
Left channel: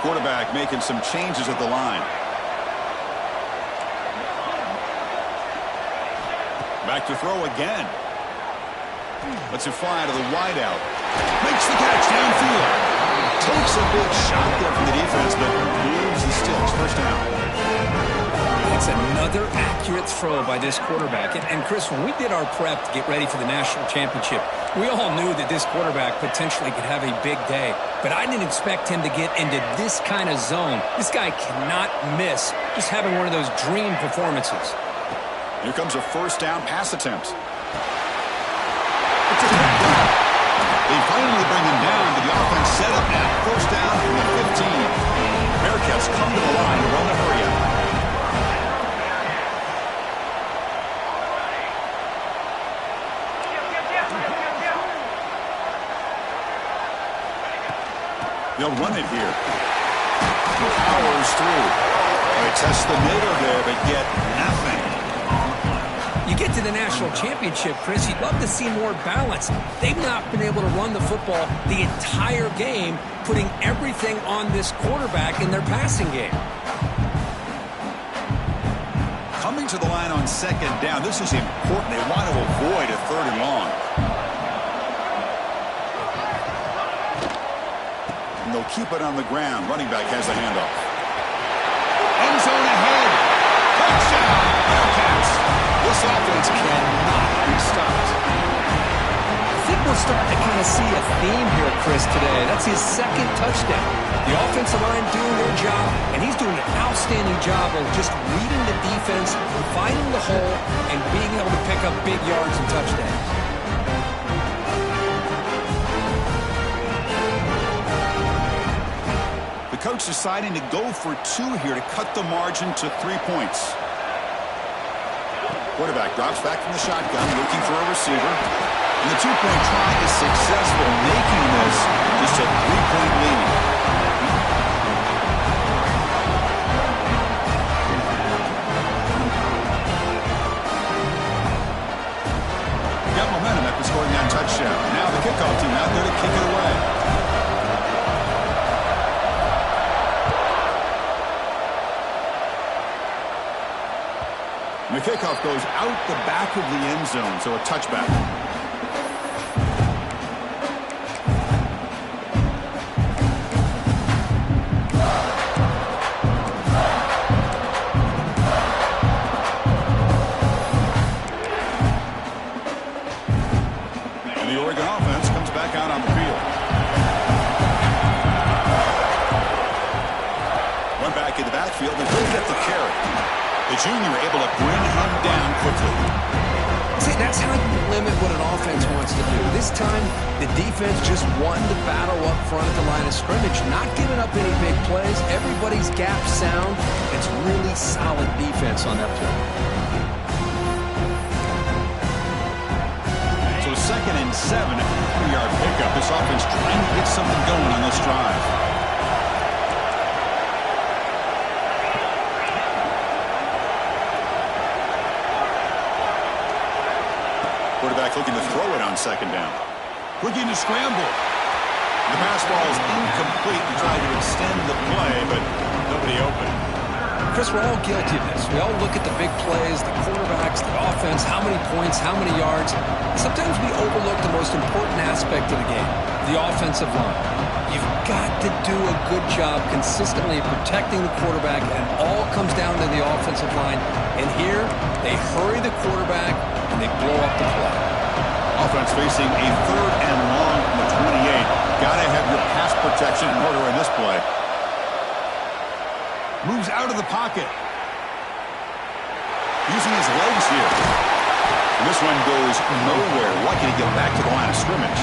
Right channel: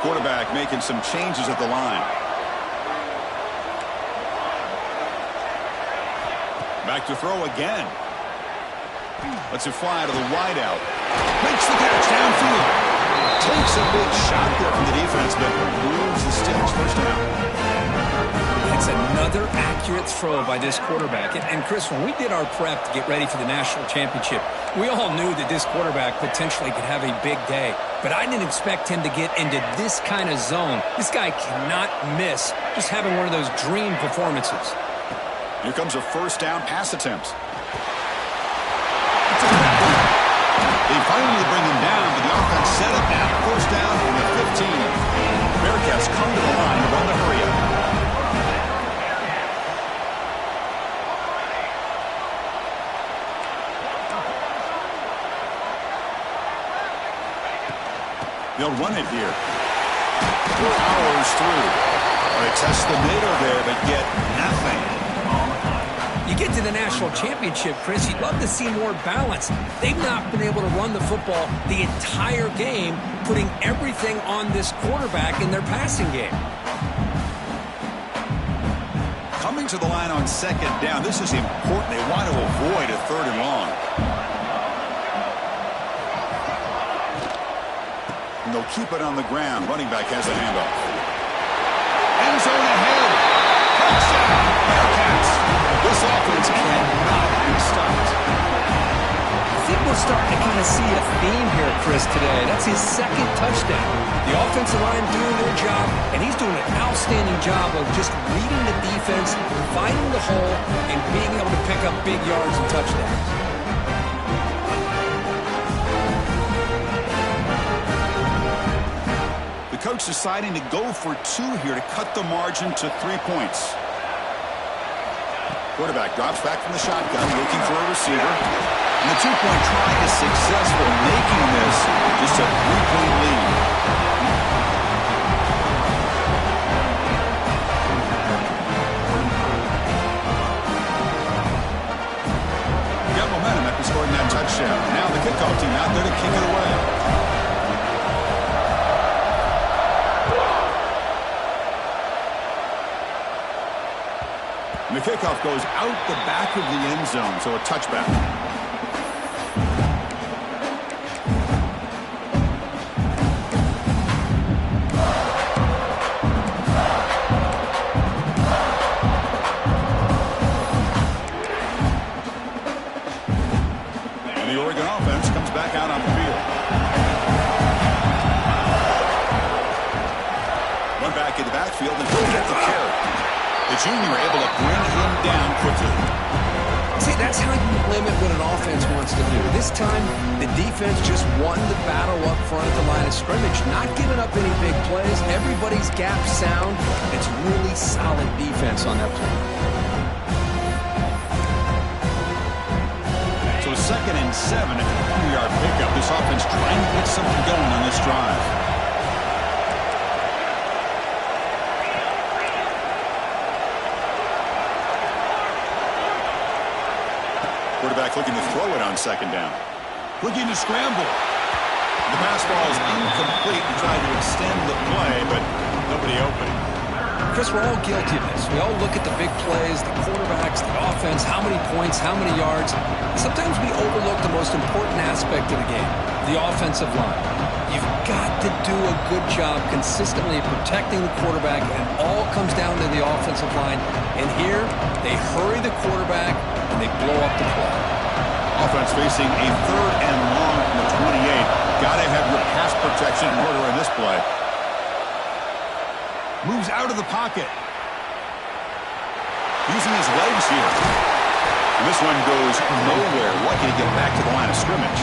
Quarterback making some changes at the line. Back to throw again. Lets it fly to the wideout. Makes the catch downfield. Takes a big shot there from the defense, but moves the sticks. First down. It's another accurate throw by this quarterback. And Chris, when we did our prep to get ready for the national championship, we all knew that this quarterback potentially could have a big day. But I didn't expect him to get into this kind of zone. This guy cannot miss just having one of those dream performances. Here comes a first down pass attempt. It's a quick run. They finally bring him down, but the offense set up now. First down from the 15. Bearcats come to the line to run the hurry up. They'll run it here. Powers through. They test the middle there, but get nothing. You get to the national championship, Chris, you'd love to see more balance. They've not been able to run the football the entire game, putting everything on this quarterback in their passing game. Coming to the line on second down, this is important. They want to avoid a third and long. And they'll keep it on the ground. Running back has the handoff. End zone ahead. Touchdown, Bearcats. This offense cannot be stopped. I think we're starting to kind of see a theme here, Chris, today. That's his second touchdown. The offensive line doing their job, and he's doing an outstanding job of just reading the defense, finding the hole, and being able to pick up big yards and touchdowns. The coach deciding to go for 2 here to cut the margin to 3 points. Quarterback drops back from the shotgun, looking for a receiver. And the 2-point try is successful, making this just a 3-point lead. Got momentum after scoring that touchdown. Now the kickoff team out there to kick it away. And the kickoff goes out the back of the end zone, so a touchback. offense comes back out on the field. One back in the backfield, and he'll get the carry. The junior able to bring him down quickly. See, that's how you limit what an offense wants to do. This time, the defense just won the battle up front at the line of scrimmage, not giving up any big plays. Everybody's gap sound. It's really solid defense on that play. So 2nd and 7 at the 3-yard pickup. This offense trying to get something going on this drive. Quarterback looking to throw it on 2nd down. Looking to scramble. The pass ball is incomplete and tried to extend the play, but nobody open. Chris, we're all guilty of this. We all look at the big plays, the quarterbacks, the offense, how many points, how many yards. Sometimes we overlook the most important aspect of the game, the offensive line. You've got to do a good job consistently protecting the quarterback, and it all comes down to the offensive line. And here, they hurry the quarterback, and they blow up the play. Offense facing a 3rd and long from the 28. Got to have your pass protection in order in this play. Moves out of the pocket. Using his legs here. And this one goes nowhere. Lucky to get back to the line of scrimmage.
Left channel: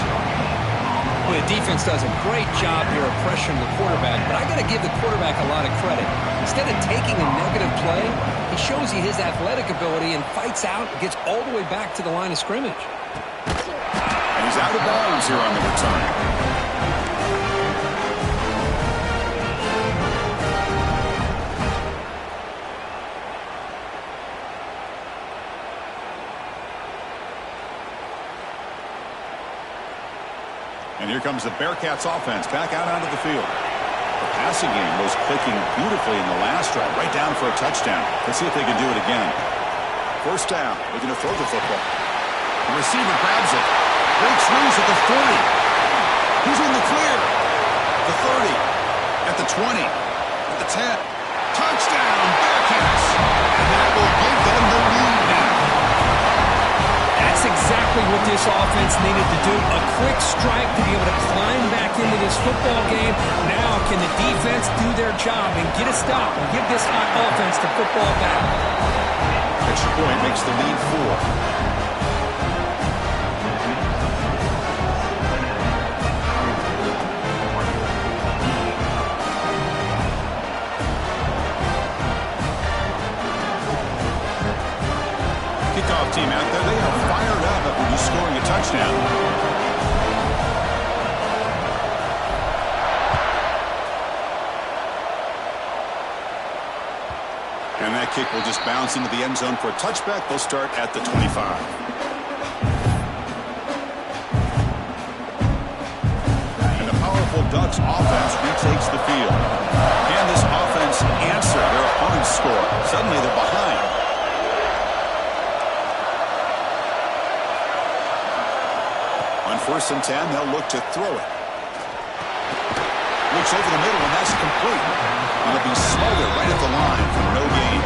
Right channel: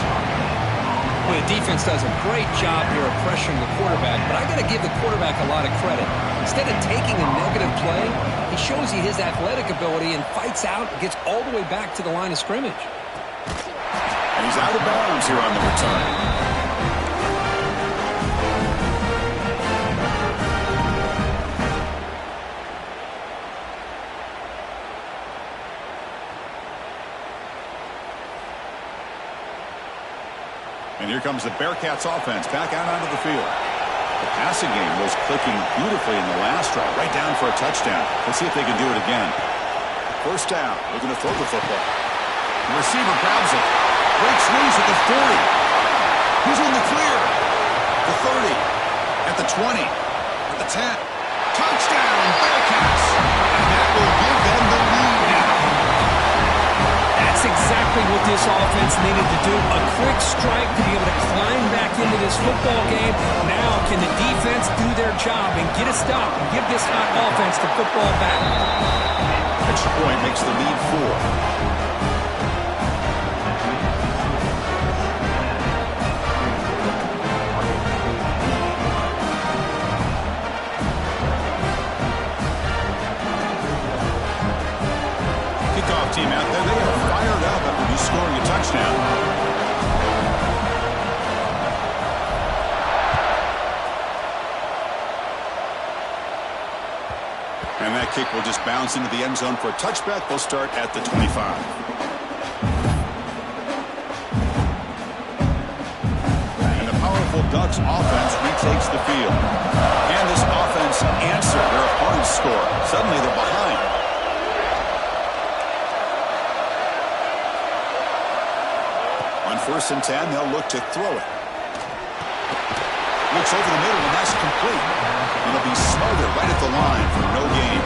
Well, the defense does a great job here of pressuring the quarterback, but I got to give the quarterback a lot of credit. Instead of taking a negative play, he shows you his athletic ability and fights out and gets all the way back to the line of scrimmage. And he's out of bounds here on the return. And here comes the Bearcats offense back out onto the field. The passing game was clicking beautifully in the last drive, right down for a touchdown. Let's see if they can do it again. 1st down, looking to throw the football. The receiver grabs it, breaks loose at the 40. He's in the clear. The 30, at the 20, at the 10. Touchdown, Bearcats! And that will give them the lead now. That's exactly what this offense needed to do. A quick strike to be able to climb back into this football game. Now can the defense do their job and get a stop and give this hot offense the football back? Extra point makes the lead 4. Kickoff team out there, they are fired up after just scoring a touchdown. And that kick will just bounce into the end zone for a touchback. They'll start at the 25. And the powerful Ducks offense retakes the field. Can this offense answer their opponent's score? Suddenly they're behind. On 1st and 10, they'll look to throw it. Looks over the middle, and that's complete. It'll be smothered right at the line for no gain.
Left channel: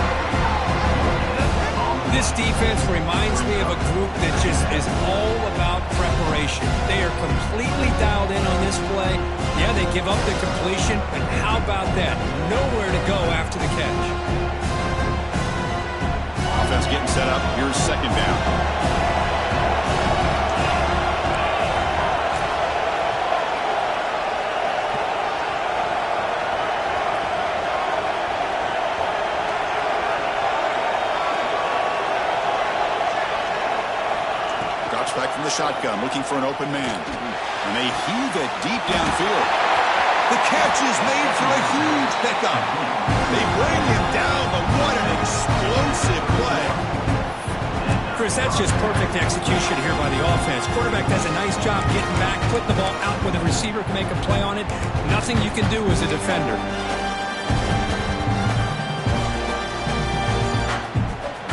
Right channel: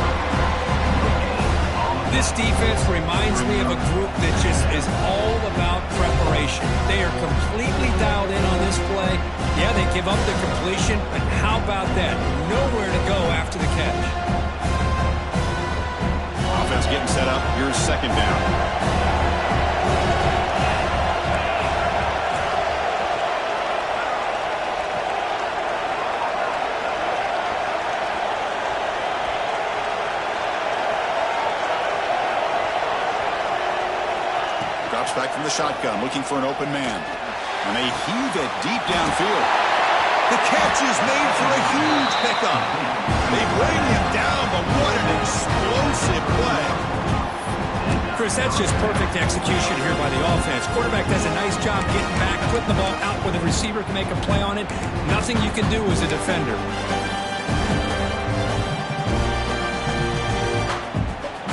This defense reminds me of a group that just is all about preparation. They are completely dialed in on this play. Yeah, they give up the completion, but how about that? Nowhere to go after the catch. Offense getting set up. Here's 2nd down. Drops back from the shotgun, looking for an open man. And they heave it deep downfield. The catch is made for a huge pickup. They bring him down, but what an explosive play. Chris, that's just perfect execution here by the offense. Quarterback does a nice job getting back, putting the ball out where the receiver can make a play on it. Nothing you can do as a defender.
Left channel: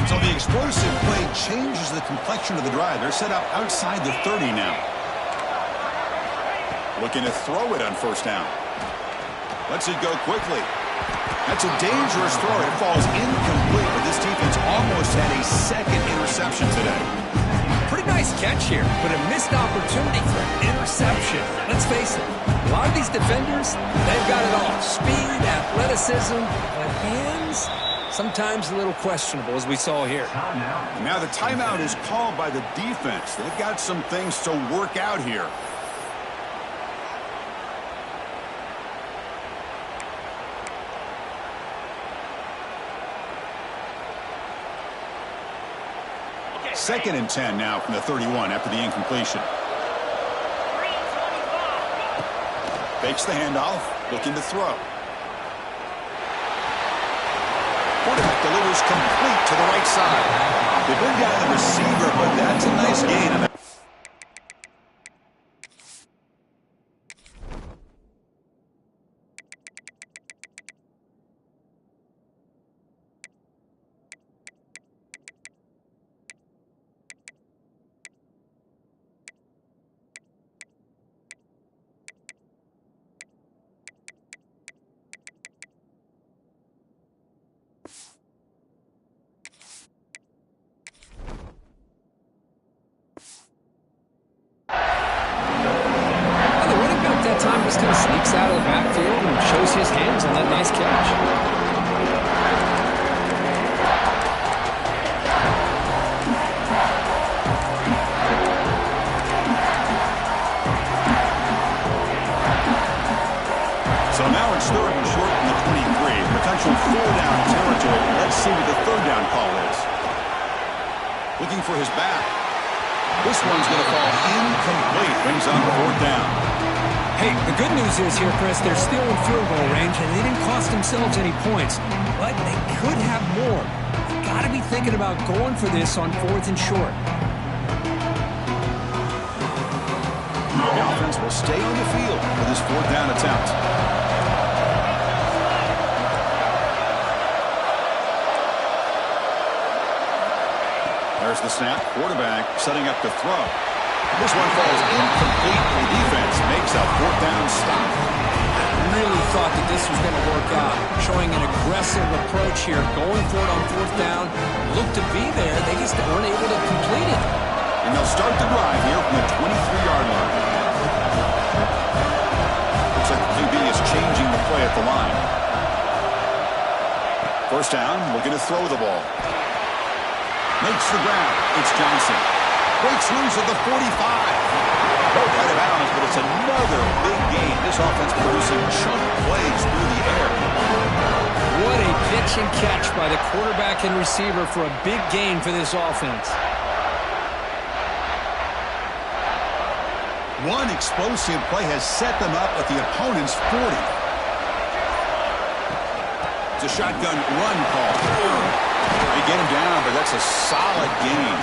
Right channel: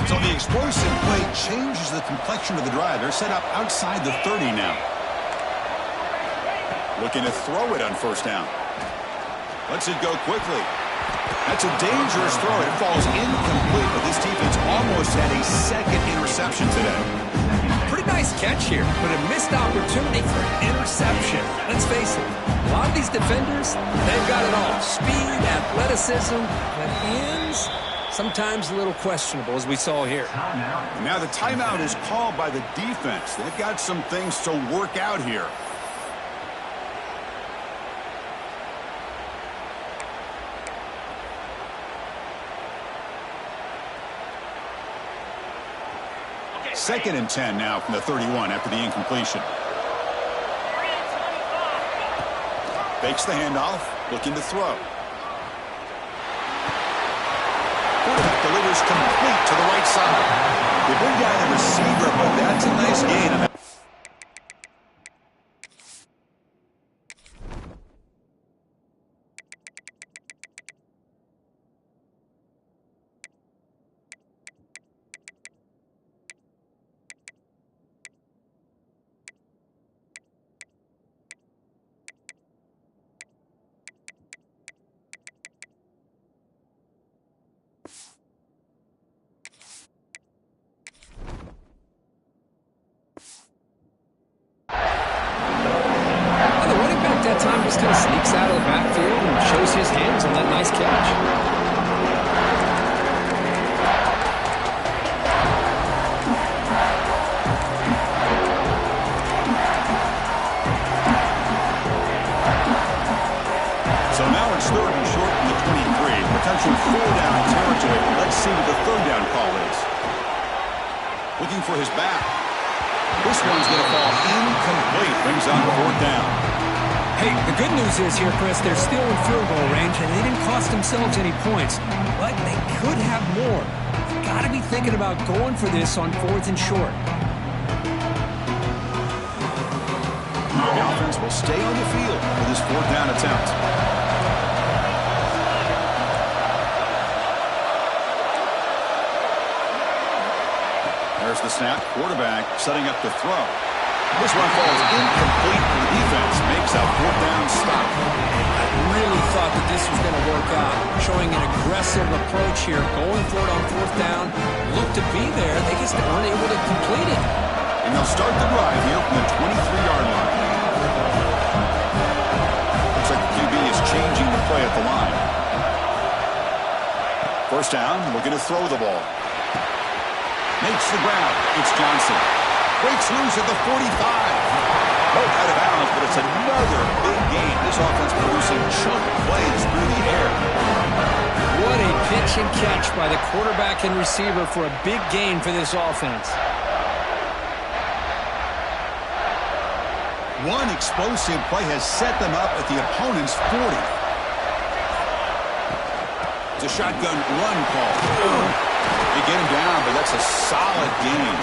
So the explosive play changes the complexion of the drive. They're set up outside the 30 now. Looking to throw it on 1st down. Lets it go quickly. That's a dangerous throw. It falls incomplete, but this defense almost had a 2nd interception today. Pretty nice catch here, but a missed opportunity for an interception. Let's face it, a lot of these defenders, they've got it all. Speed, athleticism, but hands, sometimes a little questionable, as we saw here. And now the timeout is called by the defense. They've got some things to work out here. Second and 10 now from the 31 after the incompletion. Fakes the handoff, looking to throw. Quarterback delivers complete to the right side. They bring down the receiver, but that's a nice gain. That time just kind of sneaks out of the backfield and shows his hands on that nice catch. So now it's third and short from the 23. Potential 4-down territory. Let's see what the third down call is. Looking for his back. This one's going to fall incomplete. Brings on 4th down. Hey, the good news is here, Chris, they're still in field goal range, and they didn't cost themselves any points. But they could have more. They've got to be thinking about going for this on 4th and short. The offense will stay on the field for this 4th down attempt. There's the snap. Quarterback setting up to throw. This one falls incomplete. The defense makes a 4th down stop. I really thought that this was going to work out, showing an aggressive approach here, going for it on 4th down. Looked to be there. They just weren't able to complete it. And they'll start the drive here from the 23-yard line. Looks like the QB is changing the play at the line. 1st down, looking to throw the ball. Makes the ground. It's Johnson. Breaks loose at the 45. Both out of bounds, but it's another big gain. This offense producing chunk plays through the air. What a pitch and catch by the quarterback and receiver for a big gain for this offense. One explosive play has set them up at the opponent's 40. It's a shotgun run call. They get him down, but that's a solid gain.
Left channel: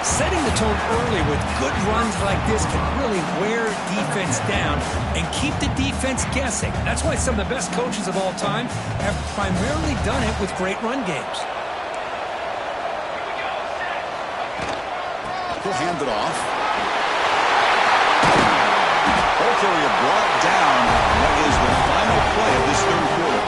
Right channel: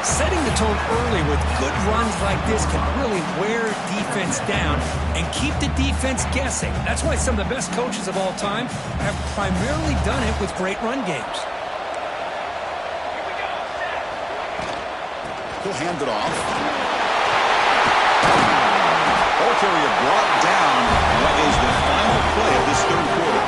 Setting the tone early with good runs like this can really wear defense down and keep the defense guessing. That's why some of the best coaches of all time have primarily done it with great run games. He'll hand it off. Ball carrier brought down. That is the final play of this 3rd quarter.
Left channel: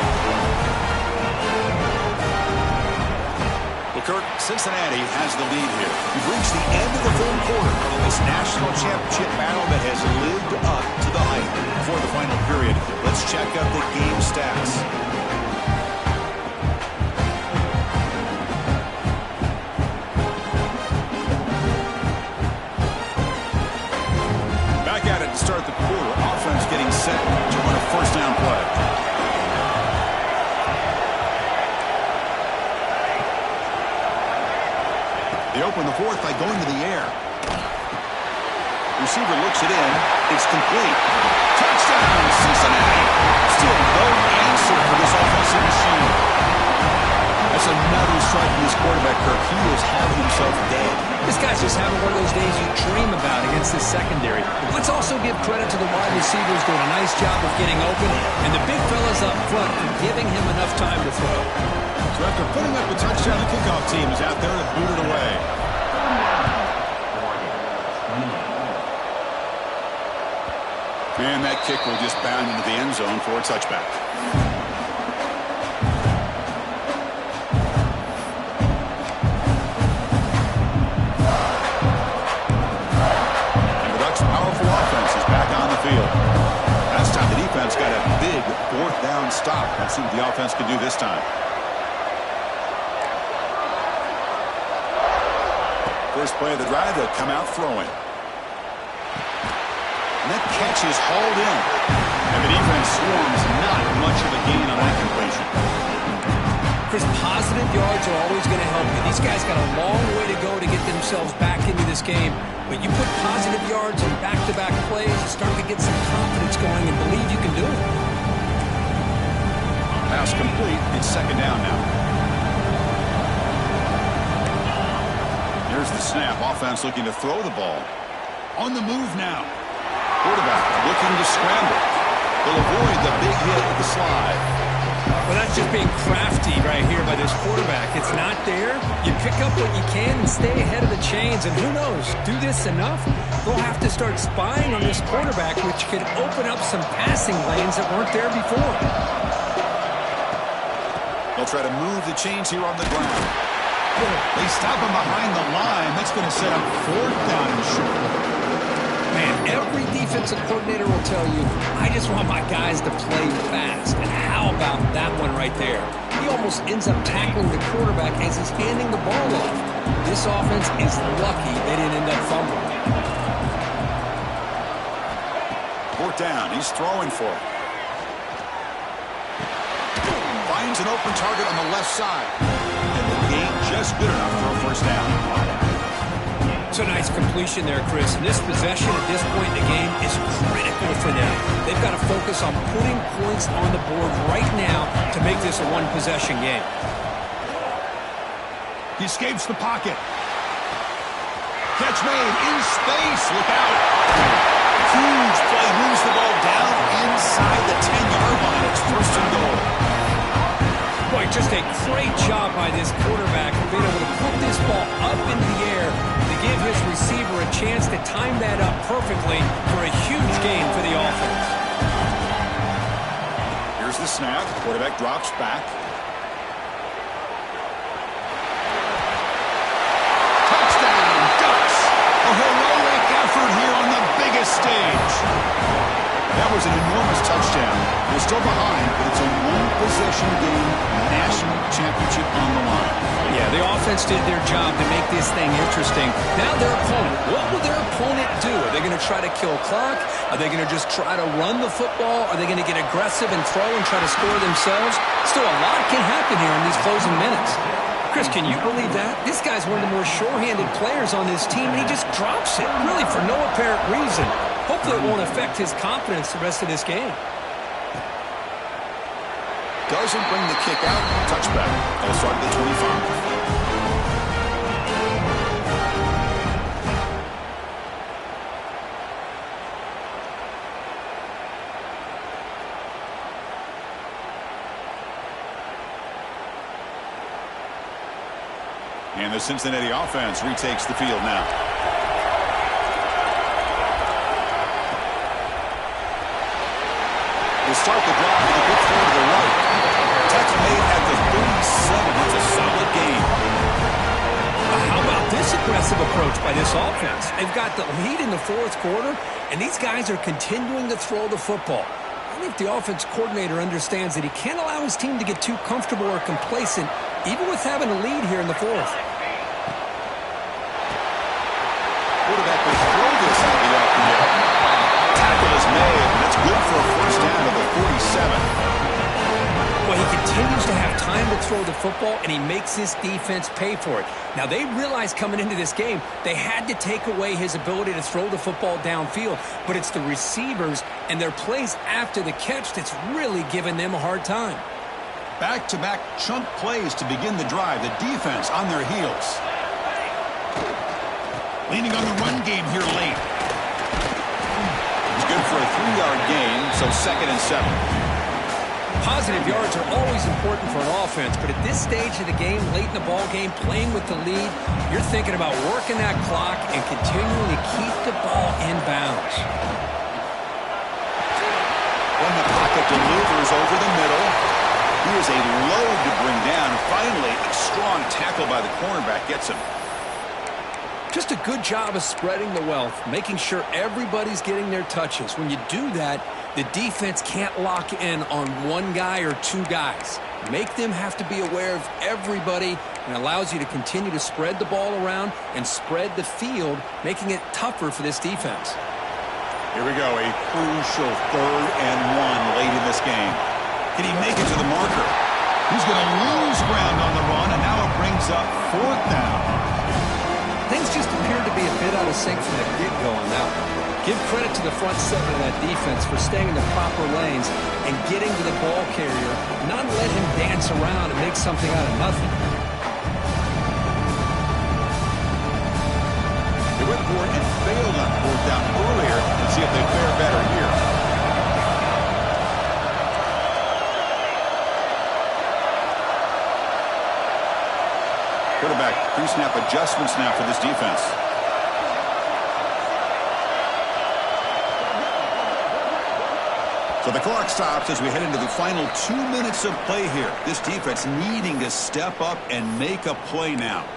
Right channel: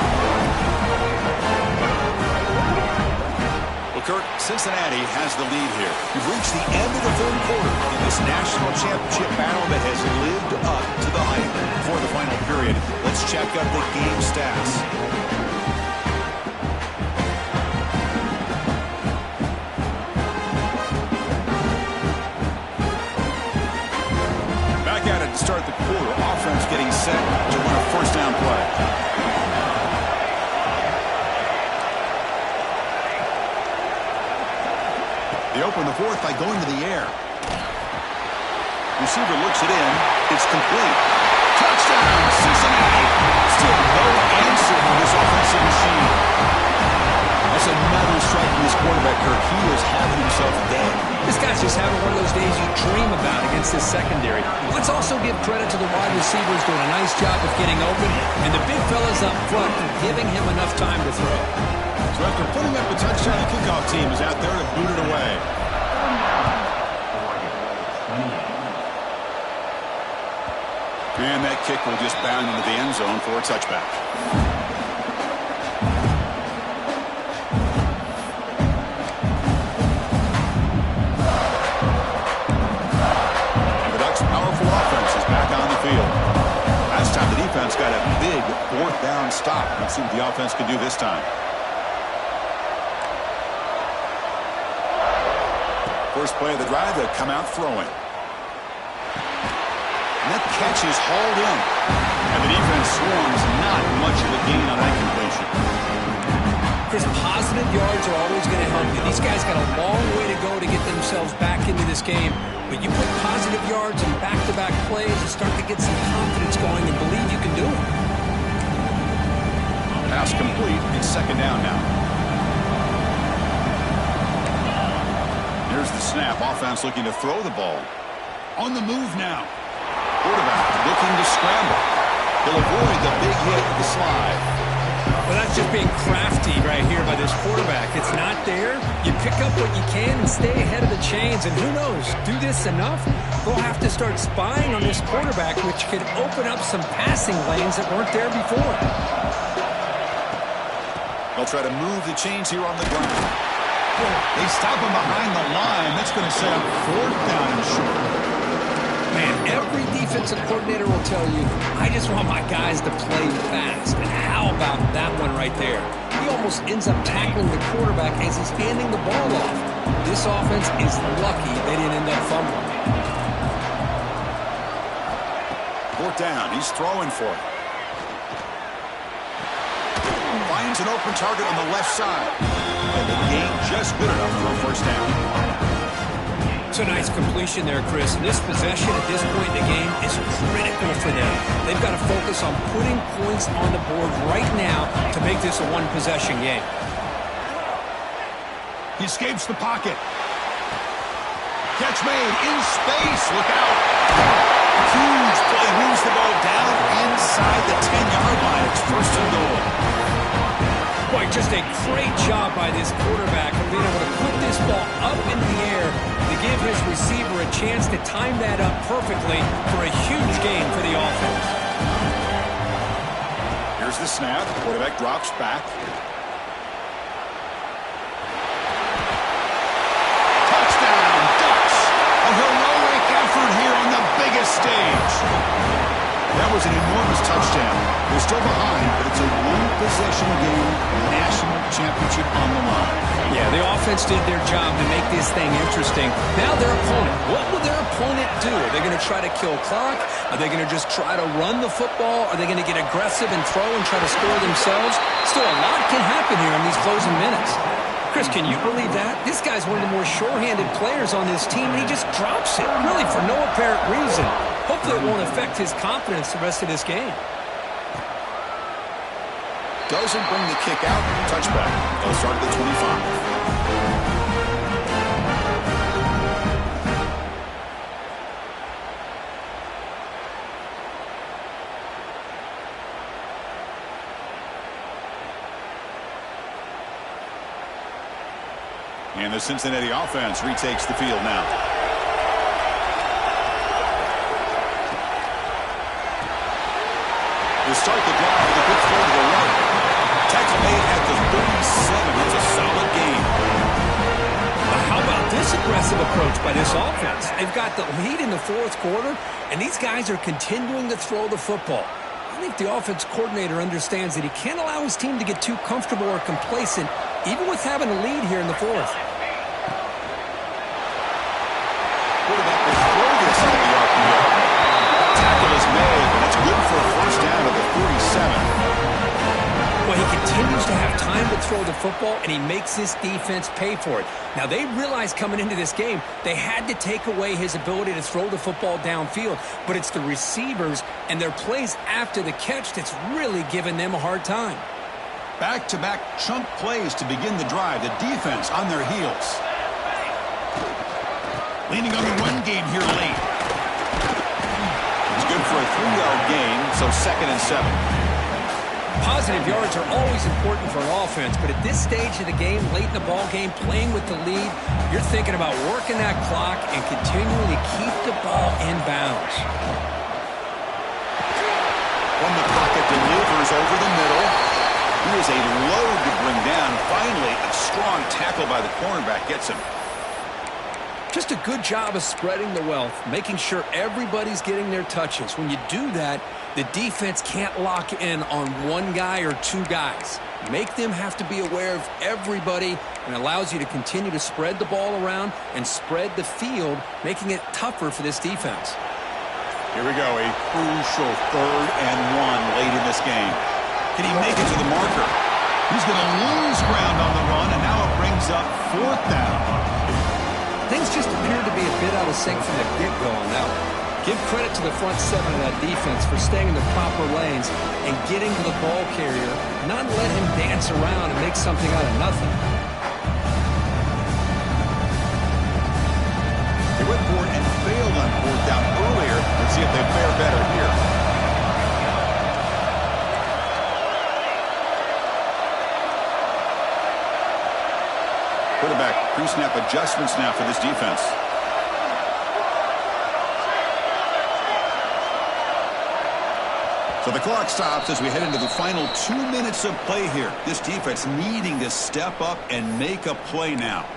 Kirk, Cincinnati has the lead here. We've reached the end of the 3rd quarter in this national championship battle that has lived up to the hype. Before the final period, let's check out the game stats. Back at it to start the quarter. Offense getting set to run a 1st down play. They open the 4th by going to the air. Receiver looks it in. It's complete. Touchdown, Cincinnati. Still no answer for this offensive machine. That's another strike from this quarterback, Kirk. He is having himself a day. This guy's just having one of those days you dream about against this secondary. Let's also give credit to the wide receivers doing a nice job of getting open, and the big fellas up front for giving him enough time to throw. So after putting up a touchdown, the kickoff team is out there to boot it away. And that kick will just bound into the end zone for a touchback. powerful offense is back on the field. Last time the defense got a big fourth down stop. Let's see what the offense can do this time. First play of the drive, they'll come out throwing. And that catch is hauled in. And the defense swarms, not much of a gain on that completion. Chris, positive yards are always going to help you. These guys got a long way to go to get themselves back into this game. But you put positive yards in back-to-back plays, you start to get some confidence going and believe you can do it. Pass complete. It's second down now. Here's the snap. Offense looking to throw the ball. On the move now. Quarterback looking to scramble. He'll avoid the big hit with the slide. Well, that's just being crafty right here by this quarterback. It's not there. You pick up what you can and stay ahead of the chains. And who knows, do this enough, they'll have to start spying on this quarterback, which could open up some passing lanes that weren't there before. They'll try to move the chains here on the ground. They stop him behind the line. That's going to set up fourth down and short. Man, every defensive coordinator will tell you, I just want my guys to play fast. And how about that one right there? He almost ends up tackling the quarterback as he's handing the ball off. This offense is lucky they didn't end up fumbling. Fourth down. He's throwing for it. Finds an open target on the left side. And the gain just good enough for a first down. It's a nice completion there, Chris. And this possession at this point in the game is critical for them. They've got to focus on putting points on the board right now to make this a one-possession game. He escapes the pocket. Catch made in space. Look out. Huge play. Moves the ball down inside the 10-yard line. It's first and goal. Boy, just a great job by this quarterback of being able to put this ball up into the air to give his receiver a chance to time that up perfectly for a huge gain for the offense. Here's the snap. Quarterback drops back. Touchdown, Ducks. A heroic effort here on the biggest stage. That was an enormous touchdown. They're still behind, but it's a one-possession game, national championship on the line. Yeah, the offense did their job to make this thing interesting. Now their opponent. What will their opponent do? Are they going to try to kill clock? Are they going to just try to run the football? Are they going to get aggressive and throw and try to score themselves? Still, a lot can happen here in these closing minutes. Chris, can you believe that? This guy's one of the more sure-handed players on this team, and he just drops it, really for no apparent reason. Hopefully it won't affect his confidence the rest of this game. Doesn't bring the kick out. Touchback. They'll start at the 25. And the Cincinnati offense retakes the field now. They start the drive with a quick throw to the right. Tackle made at the 37. That's a solid gain. How about this aggressive approach by this offense? They've got the lead in the fourth quarter, and these guys are continuing to throw the football. I think the offense coordinator understands that he can't allow his team to get too comfortable or complacent, even with having a lead here in the fourth. Quarterback will throw this out of the RPO. Tackle is made, and that's good for a first down to the 47. Well, he continues to have time to throw the football, and he makes this defense pay for it. Now, they realized coming into this game they had to take away his ability to throw the football downfield, but it's the receivers and their plays after the catch that's really giving them a hard time. Back-to-back chunk plays to begin the drive. The defense on their heels. Leaning on the run game here late. It's good for a 3-yard gain, so 2nd and 7. Positive yards are always important for an offense, but at this stage of the game, late in the ball game, playing with the lead, you're thinking about working that clock and continuing to keep the ball in bounds. From the pocket, delivers over the middle. He is a load to bring down. Finally, a strong tackle by the cornerback gets him. Just a good job of spreading the wealth, making sure everybody's getting their touches. When you do that, the defense can't lock in on one guy or two guys. Make them have to be aware of everybody, and allows you to continue to spread the ball around and spread the field, making it tougher for this defense. Here we go, a crucial 3rd and 1 late in this game. Can he make it to the marker? He's going to lose ground on the run, and now it brings up 4th down. Things just appeared to be a bit out of sync from the get-go on that one. Give credit to the front 7 of that defense for staying in the proper lanes and getting to the ball carrier, not let him dance around and make something out of nothing. They went for it and failed on 4th down earlier. Let's see if they fare better here. Quarterback pre-snap adjustments now for this defense. So the clock stops as we head into the final 2 minutes of play here. This defense needing to step up and make a play now.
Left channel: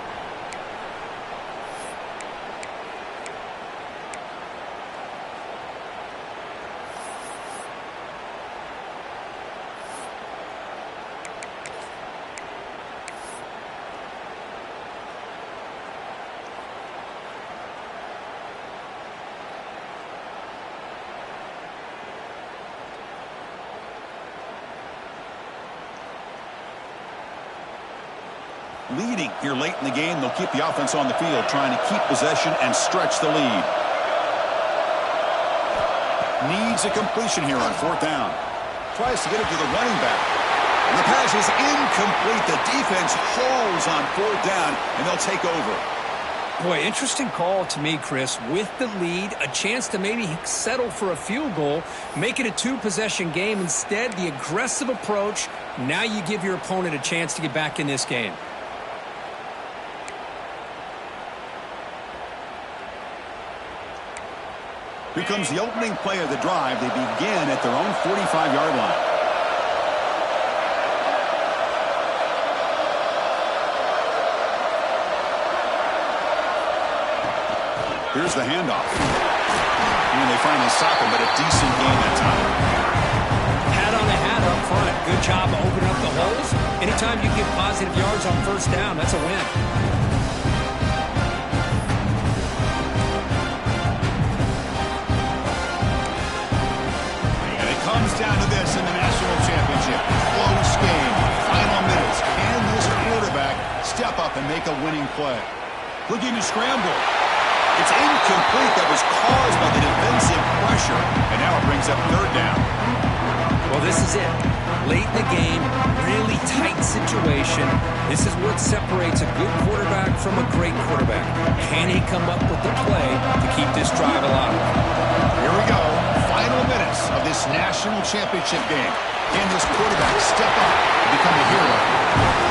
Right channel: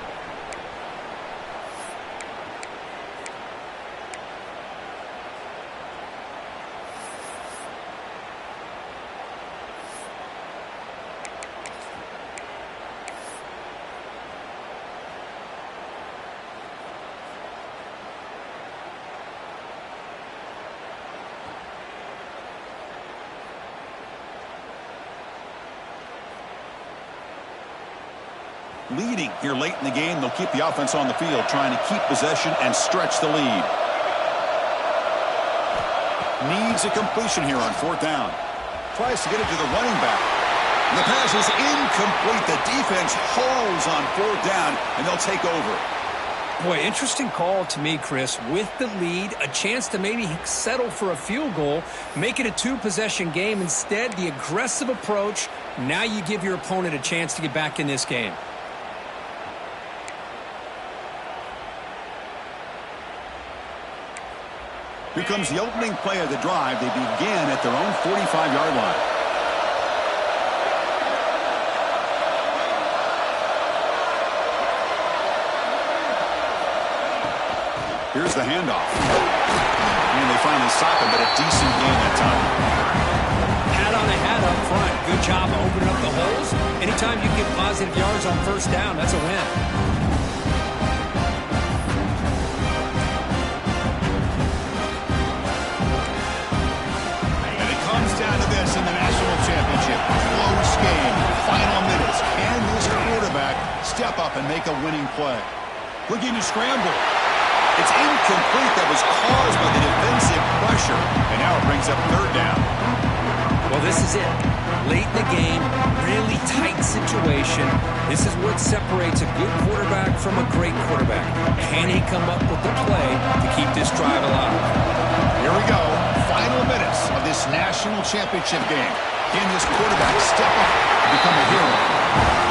Leading here late in the game, they'll keep the offense on the field, trying to keep possession and stretch the lead. Needs a completion here on 4th down. Tries to get it to the running back. And the pass is incomplete. The defense holds on 4th down, and they'll take over. Boy, interesting call to me, Chris. With the lead, a chance to maybe settle for a field goal, make it a 2-possession game. Instead, the aggressive approach. Now you give your opponent a chance to get back in this game. Here comes the opening play of the drive. They begin at their own 45-yard line. Here's the handoff. And they finally stop him, but a decent gain that time. Hat on a hat up front. Good job of opening up the holes. Anytime you get positive yards on 1st down, that's a win. Comes down to this in the national championship. Close game. Final minutes. Can this quarterback step up and make a winning play? Looking to scramble. It's incomplete. That was caused by the defensive pressure. And now it brings up 3rd down. Well, this is it. Late in the game, really tight situation. This is what separates a good quarterback from a great quarterback. Can he come up with the play to keep this drive alive? Here we go. Final minutes of this national championship game. Can this quarterback step up and become a hero?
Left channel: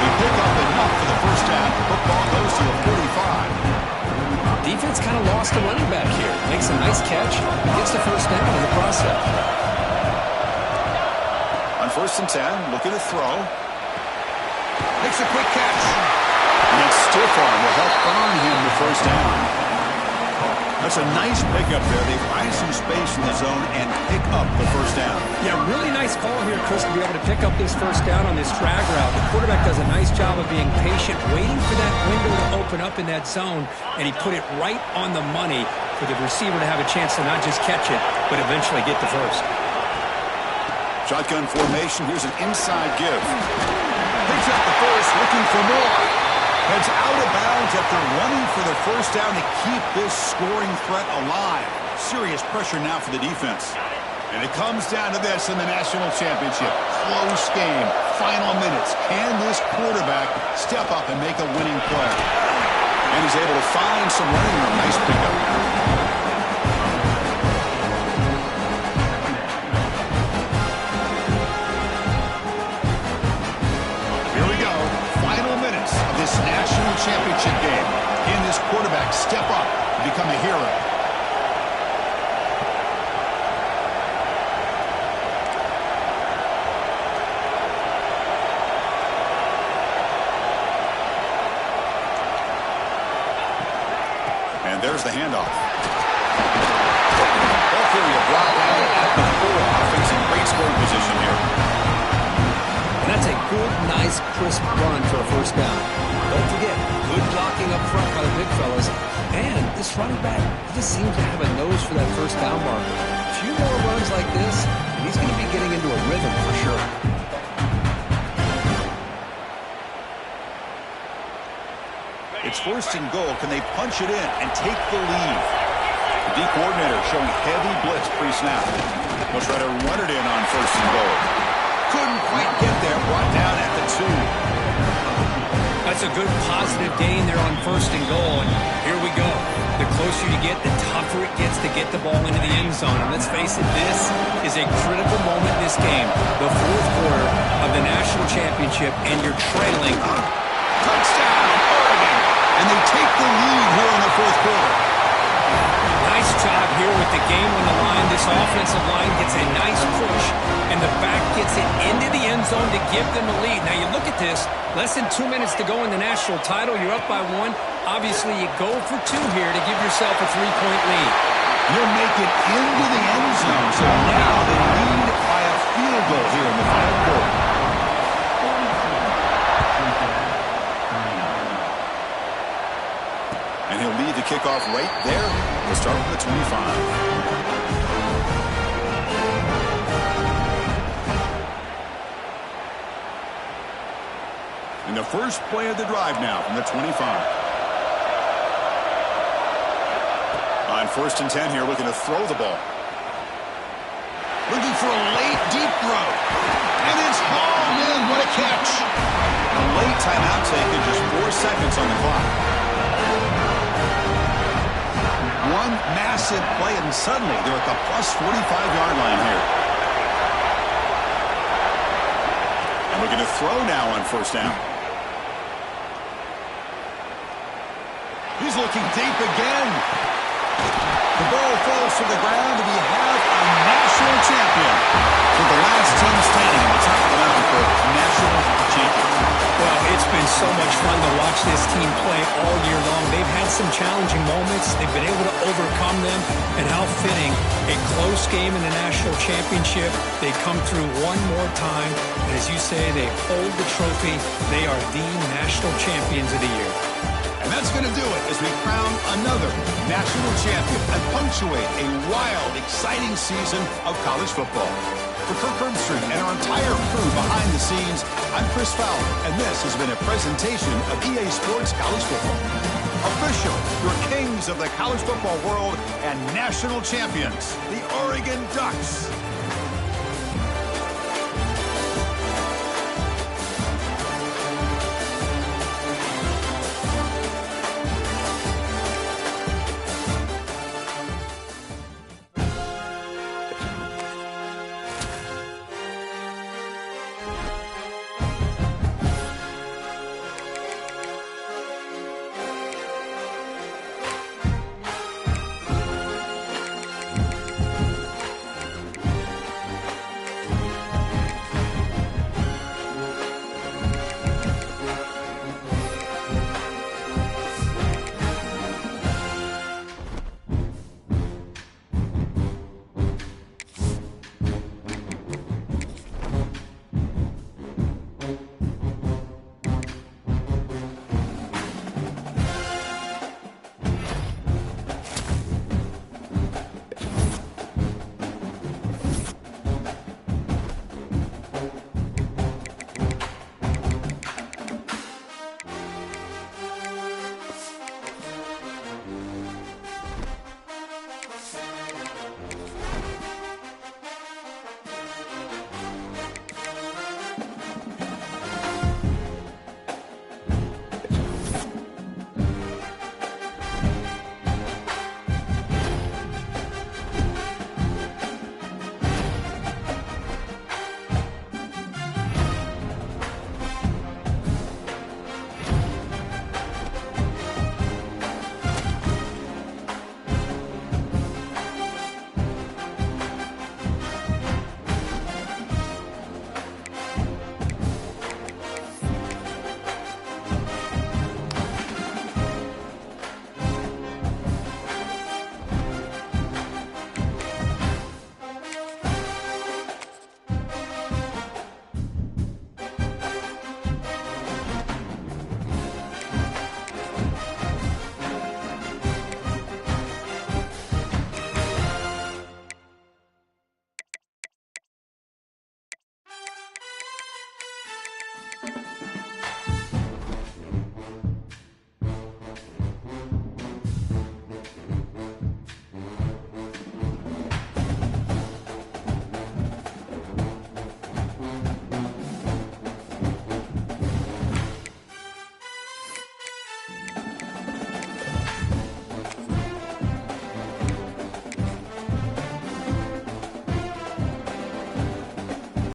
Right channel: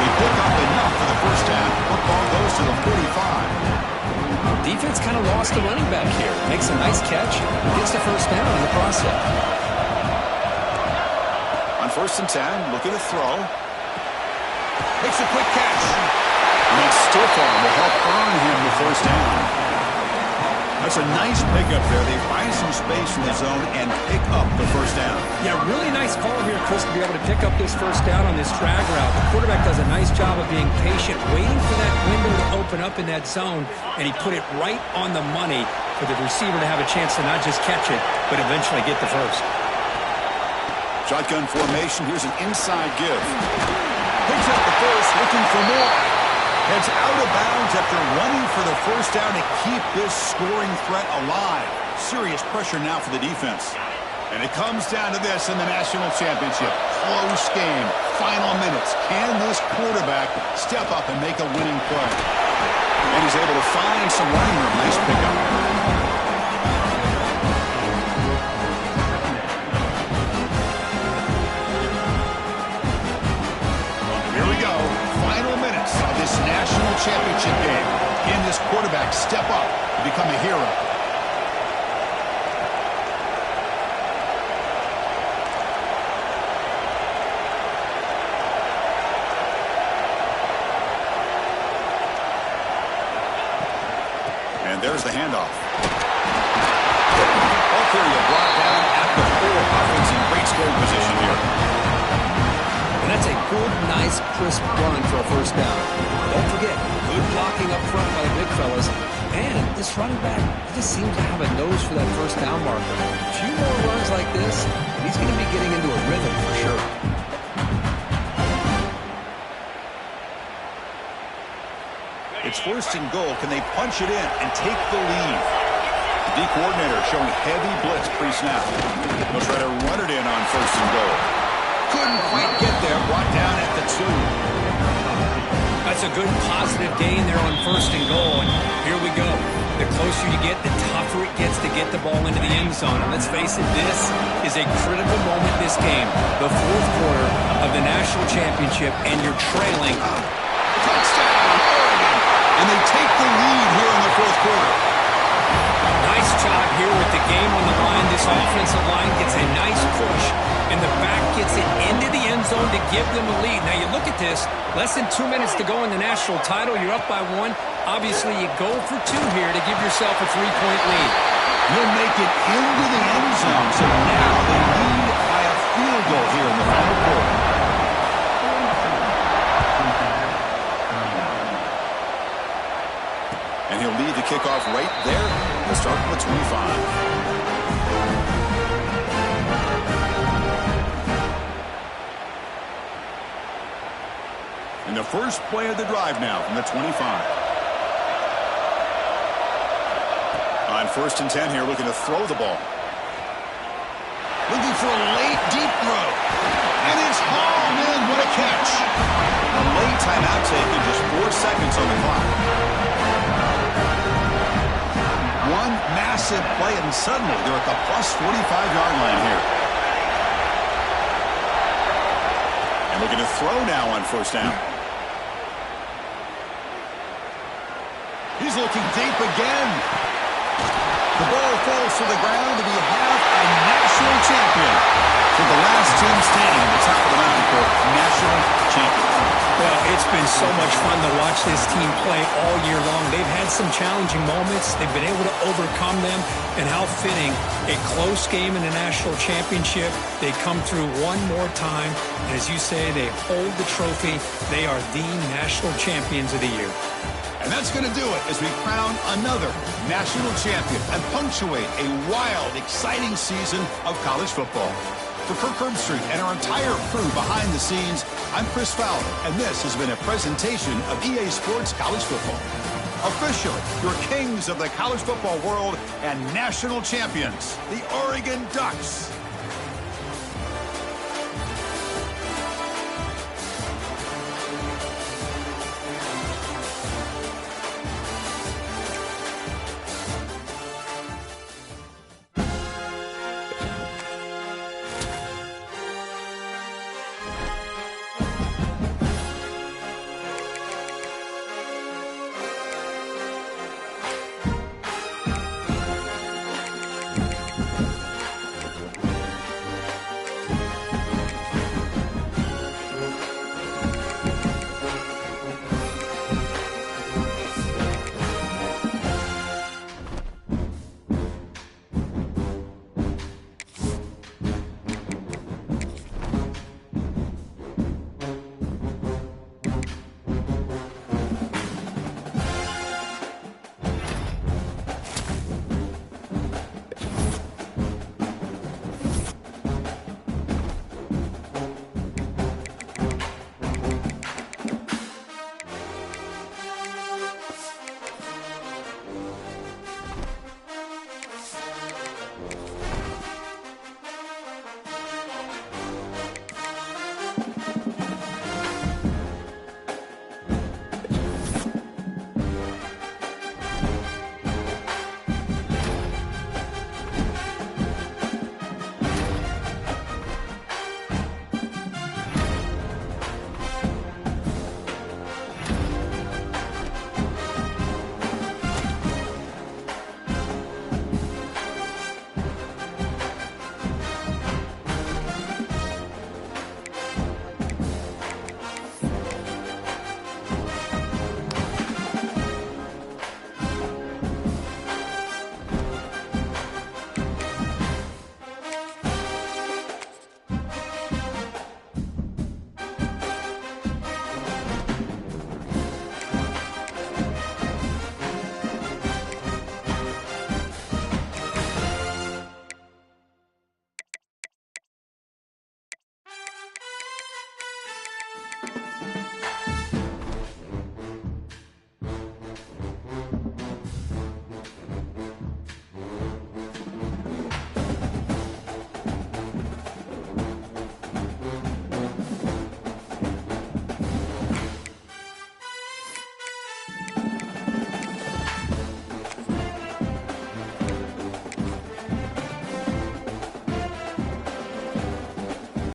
They pick up enough for the 1st down. Football goes to the 45. Defense kind of lost the running back here. Makes a nice catch. Gets the 1st down in the process. On 1st and 10, looking to throw. Makes a quick catch. And that stiff arm will help earn him the 1st down. That's a nice pickup there. They find some space in the zone and pick up the 1st down. Yeah, really nice call here, Chris, to be able to pick up this 1st down on this drag route. The quarterback does a nice job of being patient, waiting for that window to open up in that zone, and he put it right on the money for the receiver to have a chance to not just catch it, but eventually get the 1st. Shotgun formation. Here's an inside give. Picks up the 1st, looking for more. Heads out of bounds after running for the 1st down to keep this scoring threat alive. Serious pressure now for the defense. And it comes down to this in the national championship. Close game. Final minutes. Can this quarterback step up and make a winning play? And he's able to find some running room. Nice pickup. Here we go. Final minutes of this national championship game. Can this quarterback step up and become a hero? there's the handoff. Ball carrier brought down at the 4. Offense in great scoring position here. And that's a good, nice, crisp run for a first down. Don't forget, good blocking up front by the big fellas. And this running back, he just seems to have a nose for that first down marker. A few more runs like this, and he's going to be getting into a rhythm for sure. It's first and goal. Can they punch it in and take the lead? The D coordinator showing heavy blitz pre-snap. They'll try to run it in on first and goal. Couldn't quite get there. Brought down at the 2. That's a good positive gain there on first and goal. And here we go. The closer you get, the tougher it gets to get the ball into the end zone. And let's face it, this is a critical moment in this game. The fourth quarter of the national championship, and you're trailing. Touchdown, Oregon. And they take the lead here in the fourth quarter. Nice job here with the game on the line. This offensive line gets a nice push, and the back gets it into the end zone to give them a lead. Now you look at this, less than 2 minutes to go in the national title. You're up by 1. Obviously, you go for 2 here to give yourself a 3-point lead. You'll make it into the end zone, so now they lead by a field goal here in the final quarter. And he'll lead the kickoff right there. We'll start from the 25. And the first play of the drive now from the 25. On first and 10 here, looking to throw the ball. Looking for a late, deep throw. And it's hauled in. What a catch. A late timeout taken, just 4 seconds on the clock. One massive play, and suddenly they're at the plus 45-yard line here. And looking to throw now on first down. He's looking deep again. The ball falls to the ground, and we have a national champion. For the last team standing at the top of the mountain for national champions. Well, it's been so much fun to watch this team play all year long. They've had some challenging moments. They've been able to overcome them. And how fitting, a close game in the national championship. They come through one more time. And as you say, they hold the trophy. They are the national champions of the year. And that's going to do it as we crown another national champion and punctuate a wild, exciting season of college football. For Kirk Herbstreit and our entire crew behind the scenes, I'm Chris Fowler, and this has been a presentation of EA Sports College Football. Officially, your kings of the college football world and national champions, the Oregon Ducks.